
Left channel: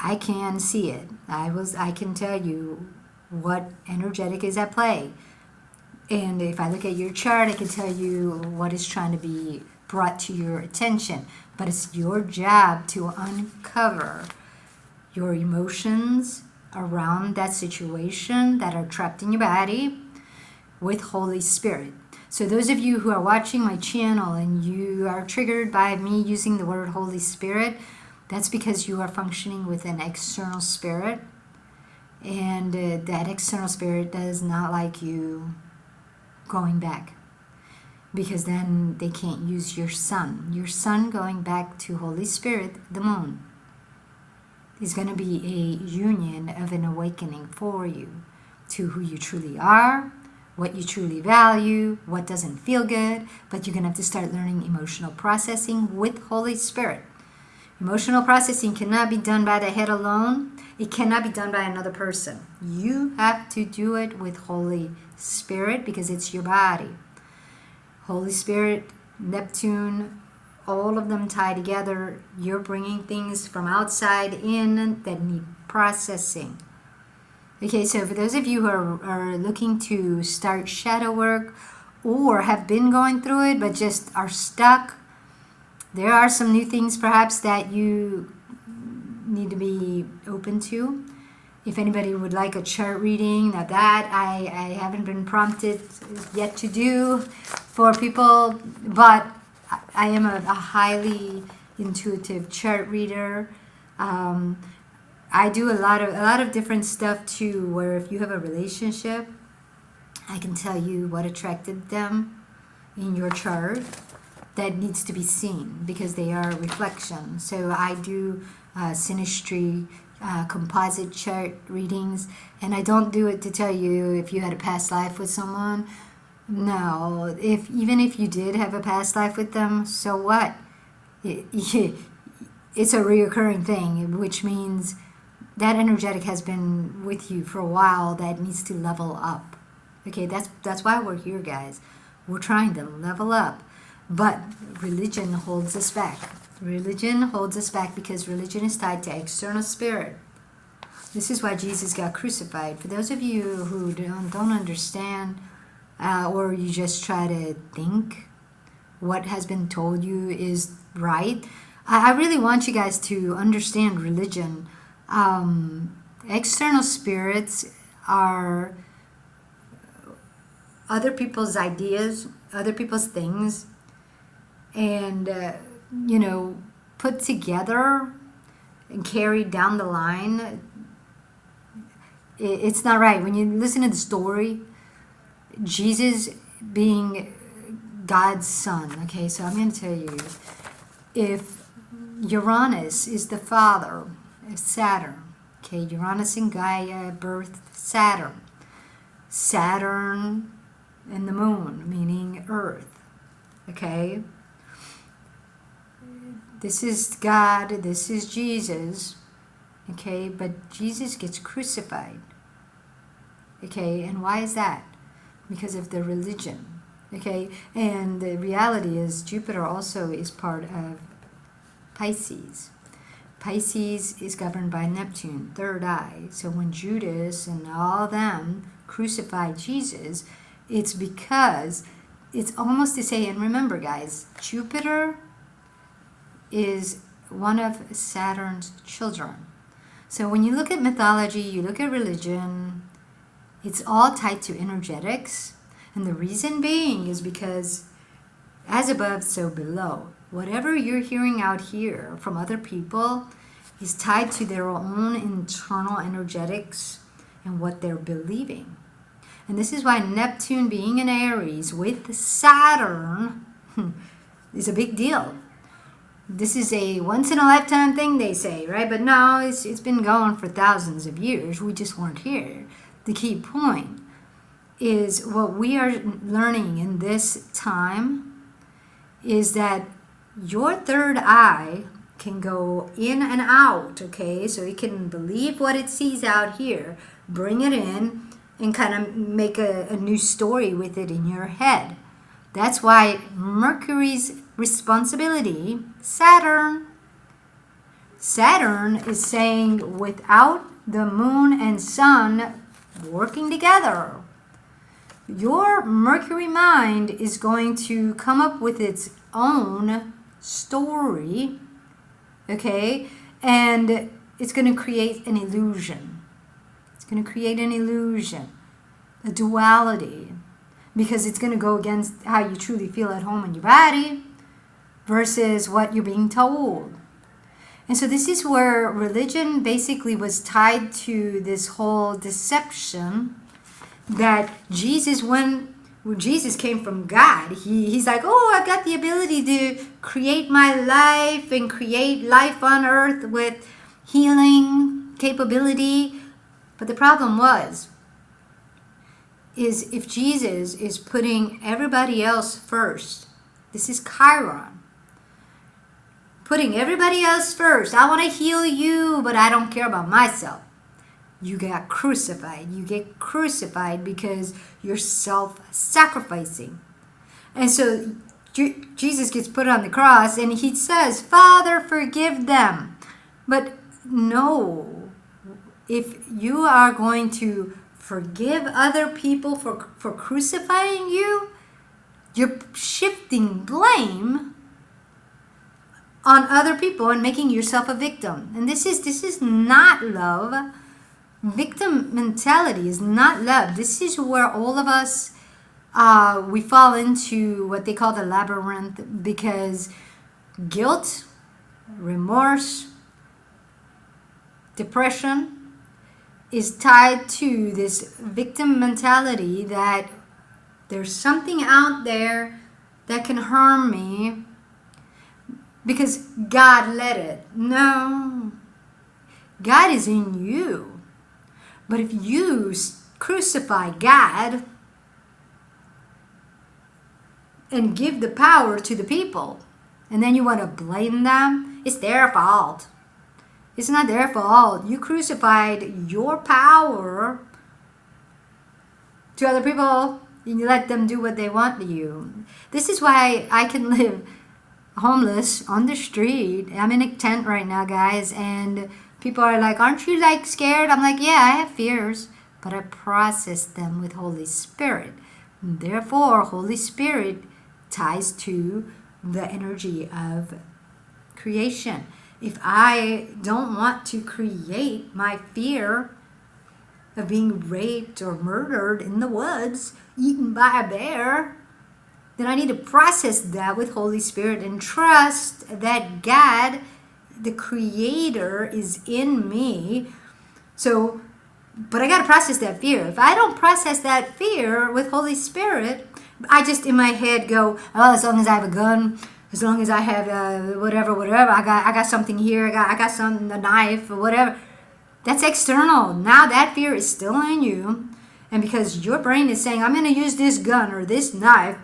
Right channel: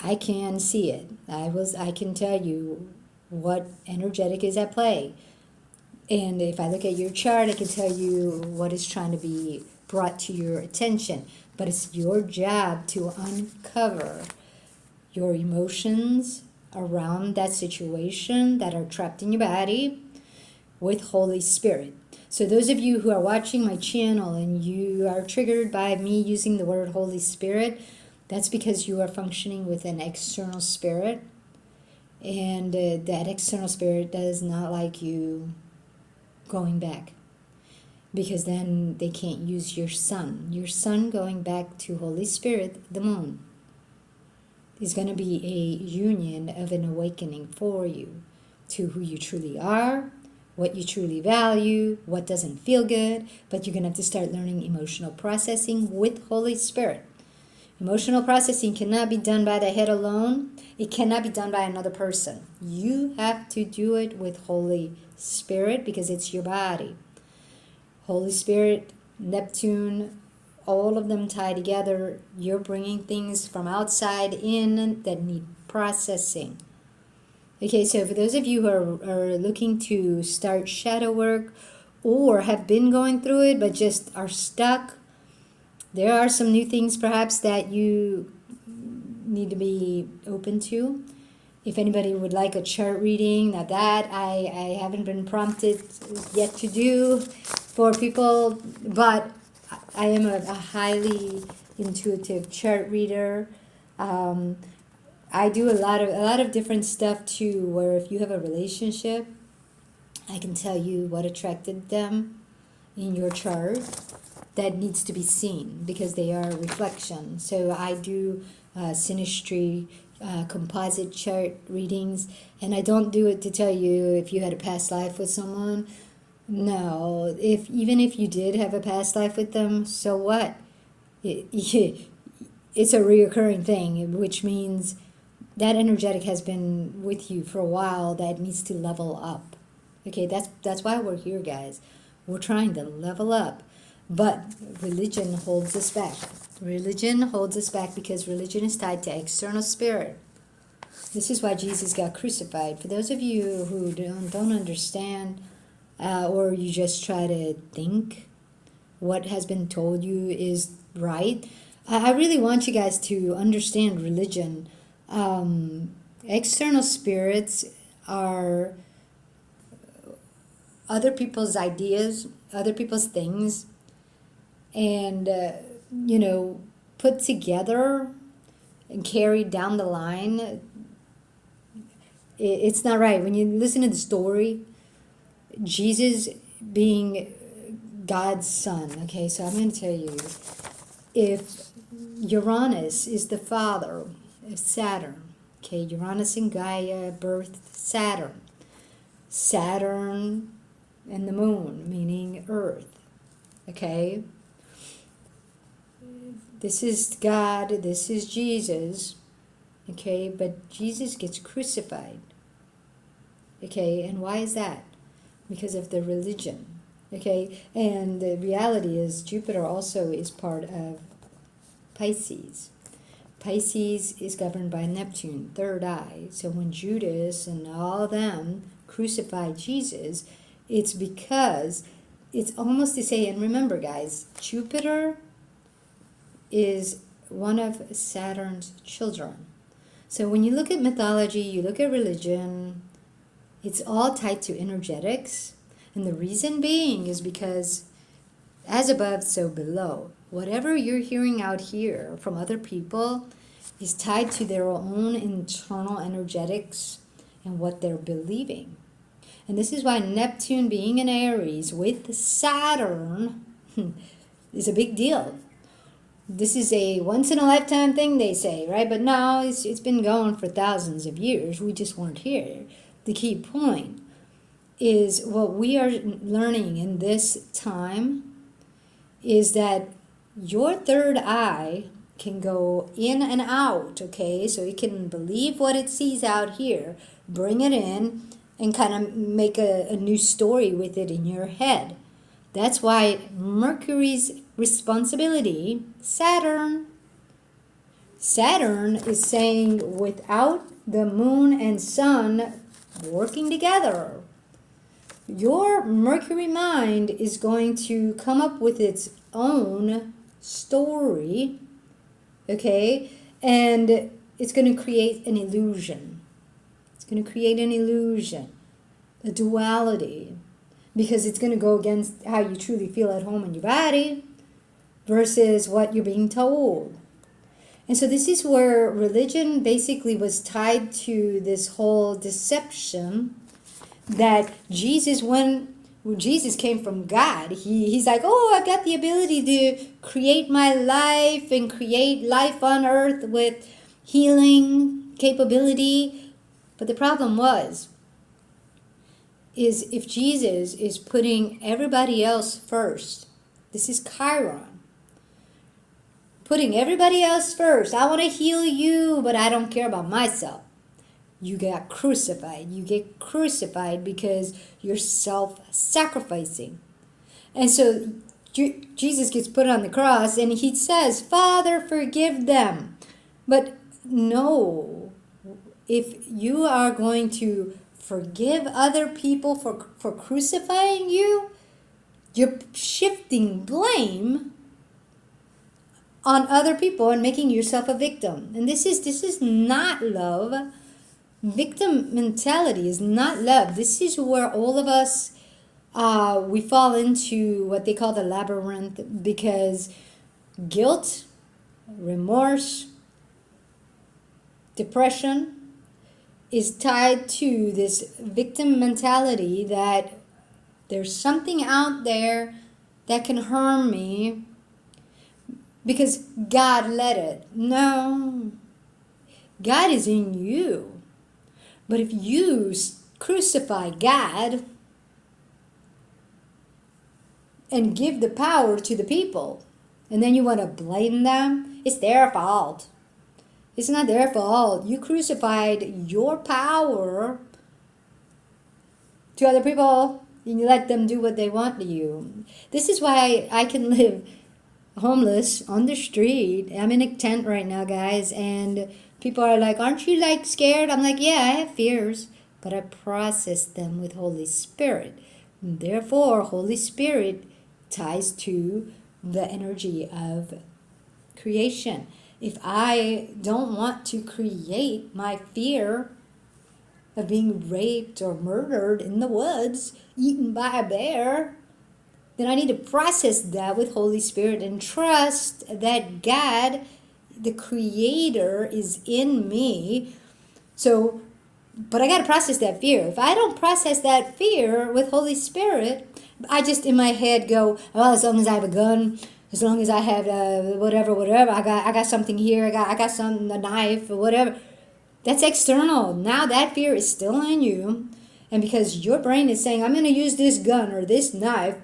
I can see it. I can tell you what energetic is at play. And if I look at your chart, I can tell you what is trying to be brought to your attention. But it's your job to uncover your emotions around that situation that are trapped in your body with Holy Spirit. So those of you who are watching my channel and you are triggered by me using the word Holy Spirit, that's because you are functioning with an external spirit. And that external spirit does not like you going back, because then they can't use your sun. Your sun going back to Holy Spirit, the moon, is going to be a union of an awakening for you to who you truly are, what you truly value, what doesn't feel good, but you're going to have to start learning emotional processing with Holy Spirit. Emotional processing cannot be done by the head alone. It cannot be done by another person. You have to do it with Holy Spirit, because it's your body. Holy Spirit, Neptune, all of them tie together. You're bringing things from outside in that need processing. Okay, so for those of you who are looking to start shadow work or have been going through it but just are stuck, there are some new things perhaps that you need to be open to. If anybody would like a chart reading, now that I haven't been prompted yet to do for people, but I am a highly intuitive chart reader. I do a lot of different stuff too, where if you have a relationship, I can tell you what attracted them in your chart that needs to be seen, because they are a reflection. So I do synastry, composite chart readings, and I don't do it to tell you if you had a past life with someone. No, even if you did have a past life with them, so what? It's a reoccurring thing, which means that energetic has been with you for a while, that needs to level up. Okay, that's why we're here, guys. We're trying to level up. But religion holds us back. Religion holds us back because religion is tied to external spirit. This is why Jesus got crucified. For those of you who don't understand, or you just try to think what has been told you is right, I really want you guys to understand religion. External spirits are other people's ideas, other people's things, and put together and carried down the line. It's not right. When you listen to the story, Jesus being God's son, okay, so I'm going to tell you, if Uranus is the father of Saturn, okay, Uranus and Gaia birthed Saturn. Saturn and the moon, meaning Earth, okay? This is God, this is Jesus, okay? But Jesus gets crucified, okay? And why is that? Because of the religion, okay? And the reality is Jupiter also is part of Pisces. Pisces is governed by Neptune, third eye. So when Judas and all them crucified Jesus, it's because it's almost to say, and remember guys, Jupiter is one of Saturn's children. So when you look at mythology, you look at religion, it's all tied to energetics. And the reason being is because as above, so below. Whatever you're hearing out here from other people is tied to their own internal energetics and what they're believing. And this is why Neptune being in Aries with Saturn is a big deal. This is a once-in-a-lifetime thing, they say, right? But no, it's been going for thousands of years. We just weren't here. The key point is what we are learning in this time is that your third eye can go in and out, okay? So it can believe what it sees out here, bring it in, and kind of make a new story with it in your head. That's why Mercury's responsibility, Saturn is saying without the moon and sun working together, your Mercury mind is going to come up with its own story, okay? And it's going to create an illusion. It's going to create an illusion, a duality, because it's going to go against how you truly feel at home in your body versus what you're being told. And so this is where religion basically was tied to this whole deception that Jesus, when Jesus came from God, he's like, oh, I've got the ability to create my life and create life on earth with healing capability. But the problem is if Jesus is putting everybody else first, this is Chiron, putting everybody else first. I want to heal you, but I don't care about myself. You get crucified. You get crucified because you're self-sacrificing. And so Jesus gets put on the cross and he says, Father, forgive them. But no, if you are going to forgive other people for crucifying you, you're shifting blame on other people and making yourself a victim. And this is not love. Victim mentality is not love. This is where all of us, we fall into what they call the labyrinth, because guilt, remorse, depression is tied to this victim mentality that there's something out there that can harm me because God let it. No, God is in you. But if you crucify God and give the power to the people, and then you want to blame them, it's their fault. It's not their fault. You crucified your power to other people and you let them do what they want to you. This is why I can live homeless on the street. I'm in a tent right now, guys, and people are like, aren't you like scared? I'm like, yeah, I have fears, but I process them with Holy Spirit. Therefore, Holy Spirit ties to the energy of creation. If I don't want to create my fear of being raped or murdered in the woods, eaten by a bear, then I need to process that with Holy Spirit and trust that God, the Creator, is in me. So, but I got to process that fear. If I don't process that fear with Holy Spirit, I just in my head go, oh, as long as I have a gun, as long as I have whatever, I got something here, I got some a knife or whatever. That's external. Now that fear is still in you, and because your brain is saying, I'm going to use this gun or this knife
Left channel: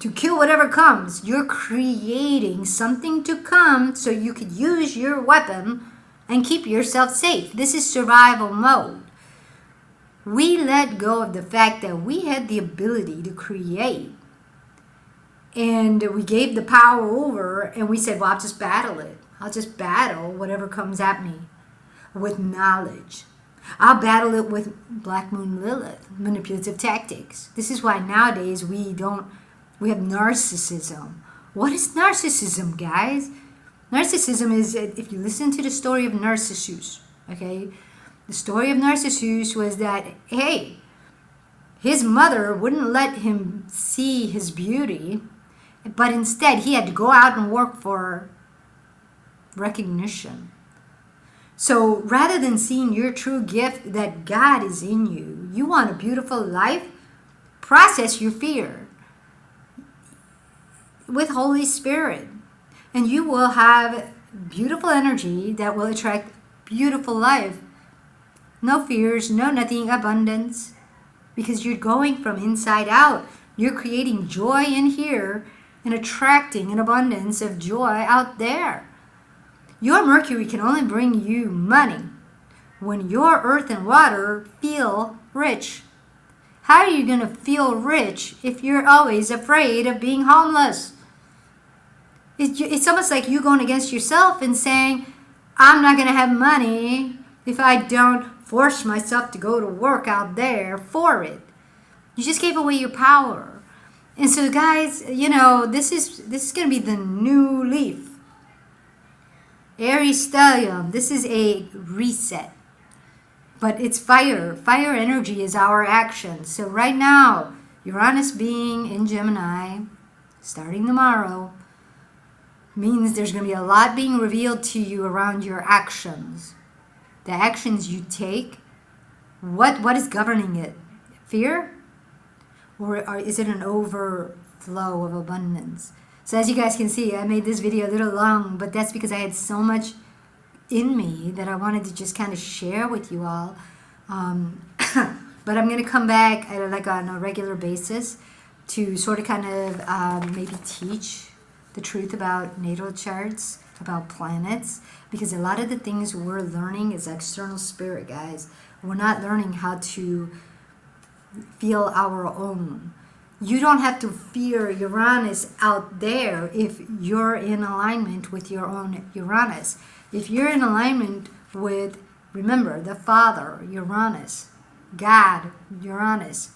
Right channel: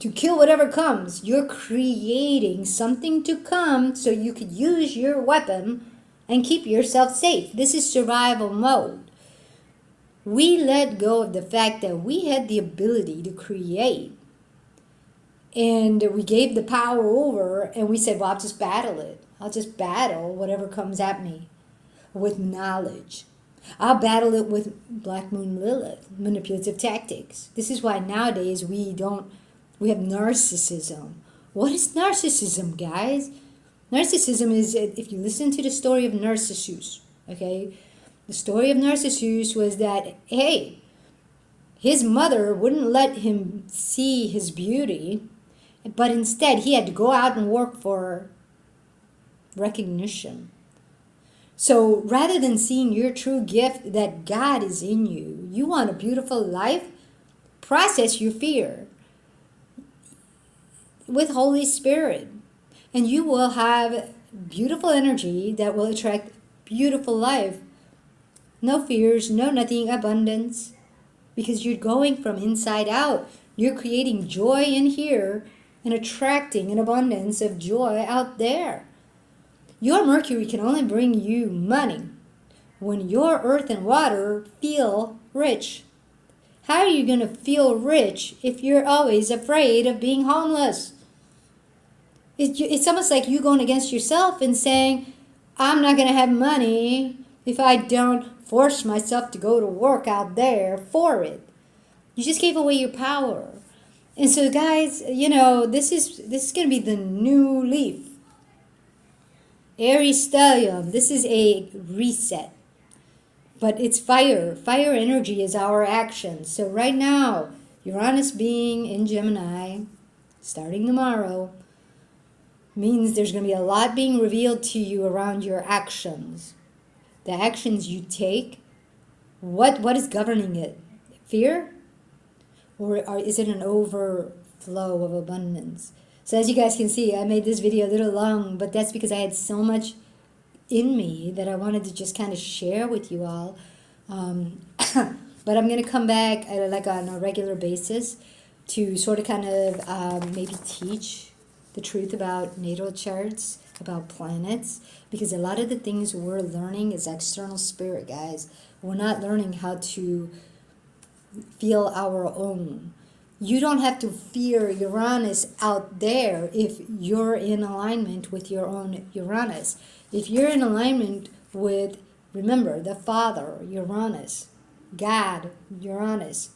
to kill whatever comes, you're creating something to come so you could use your weapon and keep yourself safe. This is survival mode. We let go of the fact that we had the ability to create. And we gave the power over and we said, well, I'll just battle it. I'll just battle whatever comes at me with knowledge. I'll battle it with Black Moon Lilith, manipulative tactics. This is why nowadays we have narcissism. What is narcissism, guys? Narcissism is, if you listen to the story of Narcissus, okay, the story of Narcissus was that, hey, his mother wouldn't let him see his beauty, but instead he had to go out and work for recognition. So rather than seeing your true gift that God is in you, you want a beautiful life, process your fear with Holy Spirit. And you will have beautiful energy that will attract beautiful life. No fears, no nothing, abundance. Because you're going from inside out. You're creating joy in here and attracting an abundance of joy out there. Your Mercury can only bring you money when your earth and water feel rich. How are you going to feel rich if you're always afraid of being homeless? It's almost like you going against yourself and saying, I'm not going to have money if I don't force myself to go to work out there for it. You just gave away your power. And so guys, this is going to be the new leaf. Aries Stellium, this is a reset. But it's fire. Fire energy is our action. So right now, Uranus being in Gemini, starting tomorrow, means there's going to be a lot being revealed to you around your actions. The actions you take, what is governing it? Fear? Or is it an overflow of abundance? So as you guys can see, I made this video a little long, but that's because I had so much in me that I wanted to just kind of share with you all. But I'm going to come back on a regular basis to sort of kind of maybe teach the truth about natal charts, about planets, because a lot of the things we're learning is external spirit, guys. We're not learning how to feel our own. You don't have to fear Uranus out there if you're in alignment with your own Uranus. If you're in alignment with, remember, the Father, Uranus, God, Uranus,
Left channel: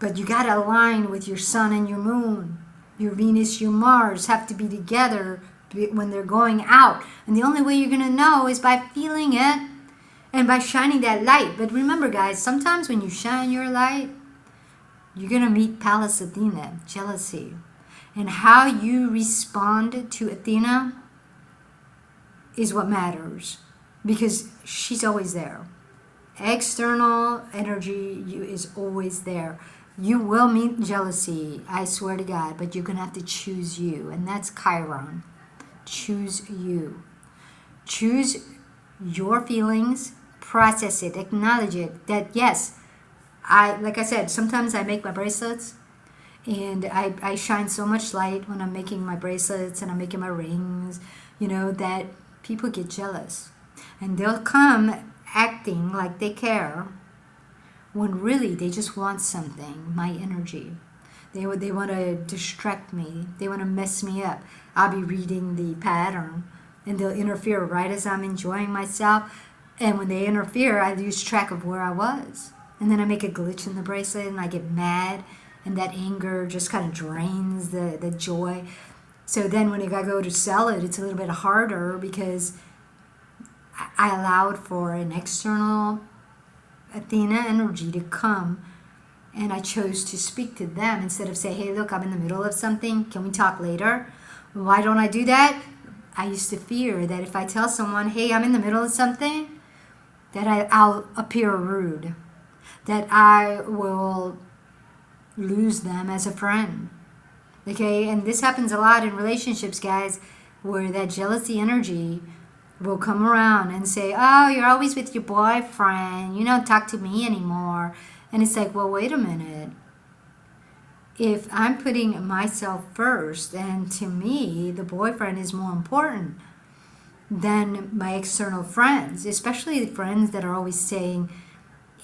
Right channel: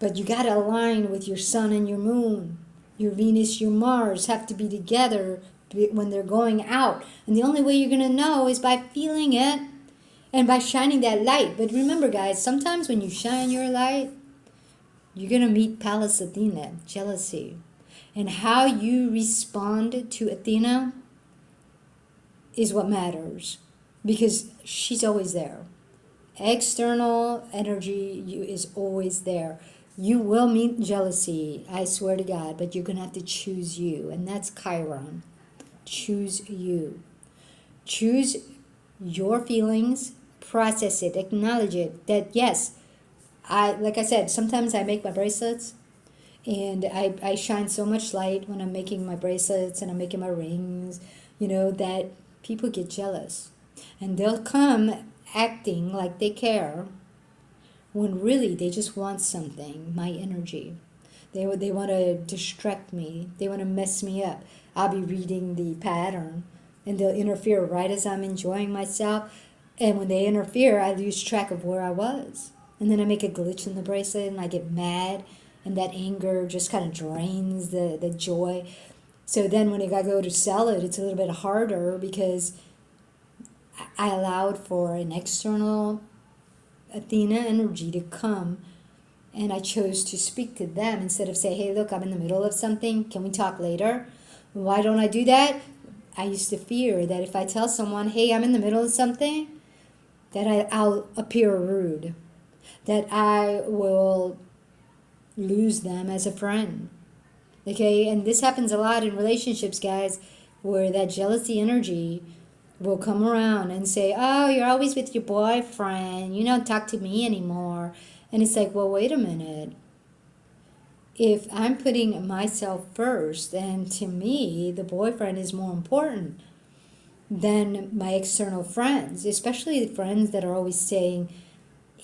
but you got to align with your Sun and your Moon. Your Venus, your Mars have to be together when they're going out. And the only way you're going to know is by feeling it and by shining that light. But remember, guys, sometimes when you shine your light, you're going to meet Pallas Athena, jealousy. And how you respond to Athena is what matters, because she's always there. External energy is always there. You will meet jealousy, I swear to God, but you're going to have to choose you, and that's Chiron. Choose you. Choose your feelings, process it, acknowledge it, that yes, like I said, sometimes I make my bracelets, and I shine so much light when I'm making my bracelets and I'm making my rings, that people get jealous. And they'll come acting like they care, when really they just want something, my energy. They want to distract me. They want to mess me up. I'll be reading the pattern, and they'll interfere right as I'm enjoying myself. And when they interfere, I lose track of where I was. And then I make a glitch in the bracelet, and I get mad, and that anger just kind of drains the joy. So then when I go to sell it, it's a little bit harder because I allowed for an external Athena energy to come, and I chose to speak to them instead of say, hey, look, I'm in the middle of something. Can we talk later? Why don't I do that? I used to fear that if I tell someone, hey, I'm in the middle of something, that I'll appear rude, that I will lose them as a friend. Okay, and this happens a lot in relationships, guys, where that jealousy energy will come around and say, oh, you're always with your boyfriend, you don't talk to me anymore. And it's like, well, wait a minute. If I'm putting myself first, and to me, the boyfriend is more important than my external friends, especially the friends that are always saying,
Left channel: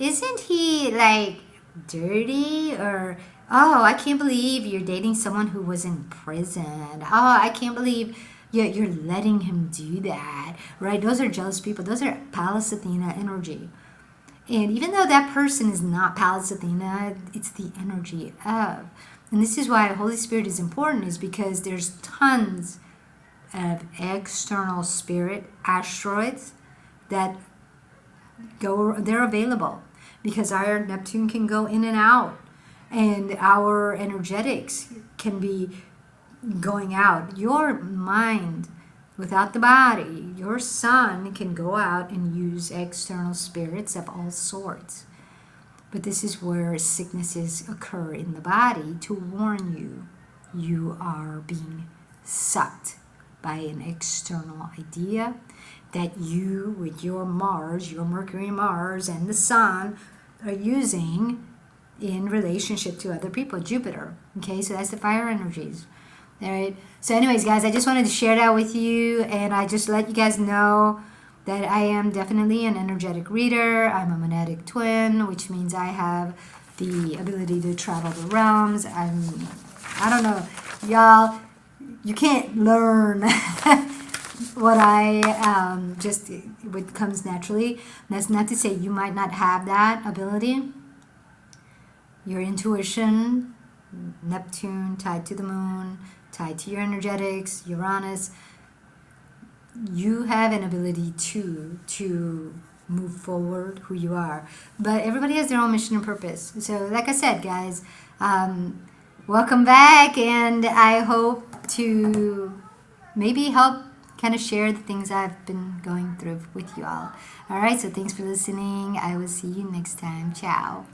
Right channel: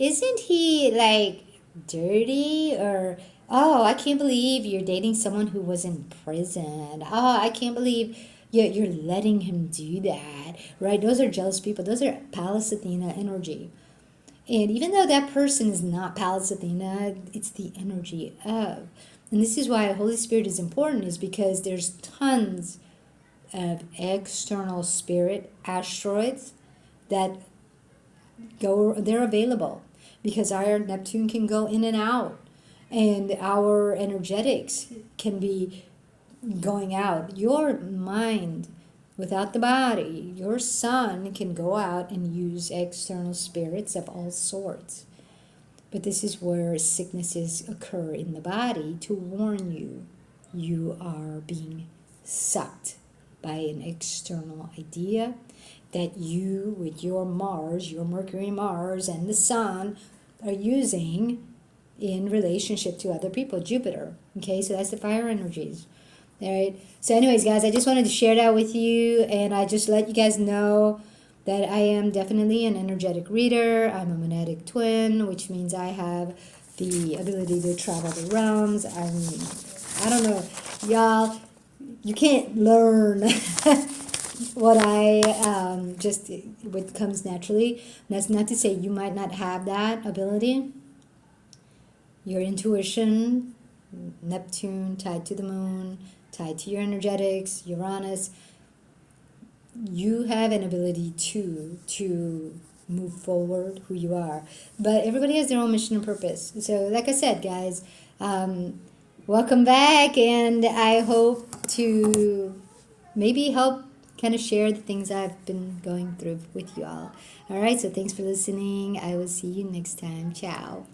isn't he like dirty? Or, oh, I can't believe you're dating someone who was in prison. Oh, I can't believe you're letting him do that, right? Those are jealous people. Those are Pallas Athena energy. And even though that person is not Pallas Athena, it's the energy of. And this is why Holy Spirit is important, is because there's tons of external spirit asteroids that they're available, because our Neptune can go in and out, and our energetics can be going out. Your mind, without the body, your sun can go out and use external spirits of all sorts. But this is where sicknesses occur in the body to warn you you are being sucked by an external idea that you, with your Mars, your Mercury, Mars, and the Sun, are using in relationship to other people, Jupiter. Okay, so that's the fire energies. All right. So, anyways, guys, I just wanted to share that with you, and I just let you guys know that I am definitely an energetic reader. I'm a monetic twin, which means I have the ability to travel the realms. I don't know, y'all. You can't learn what what comes naturally. And that's not to say you might not have that ability. Your intuition, Neptune tied to the moon, tied to your energetics, Uranus. You have an ability to move forward who you are. But everybody has their own mission and purpose. So like I said, guys, welcome back, and I hope to maybe help kind of share the things I've been going through with you all. All right, so thanks for listening. I will see you next time. Ciao.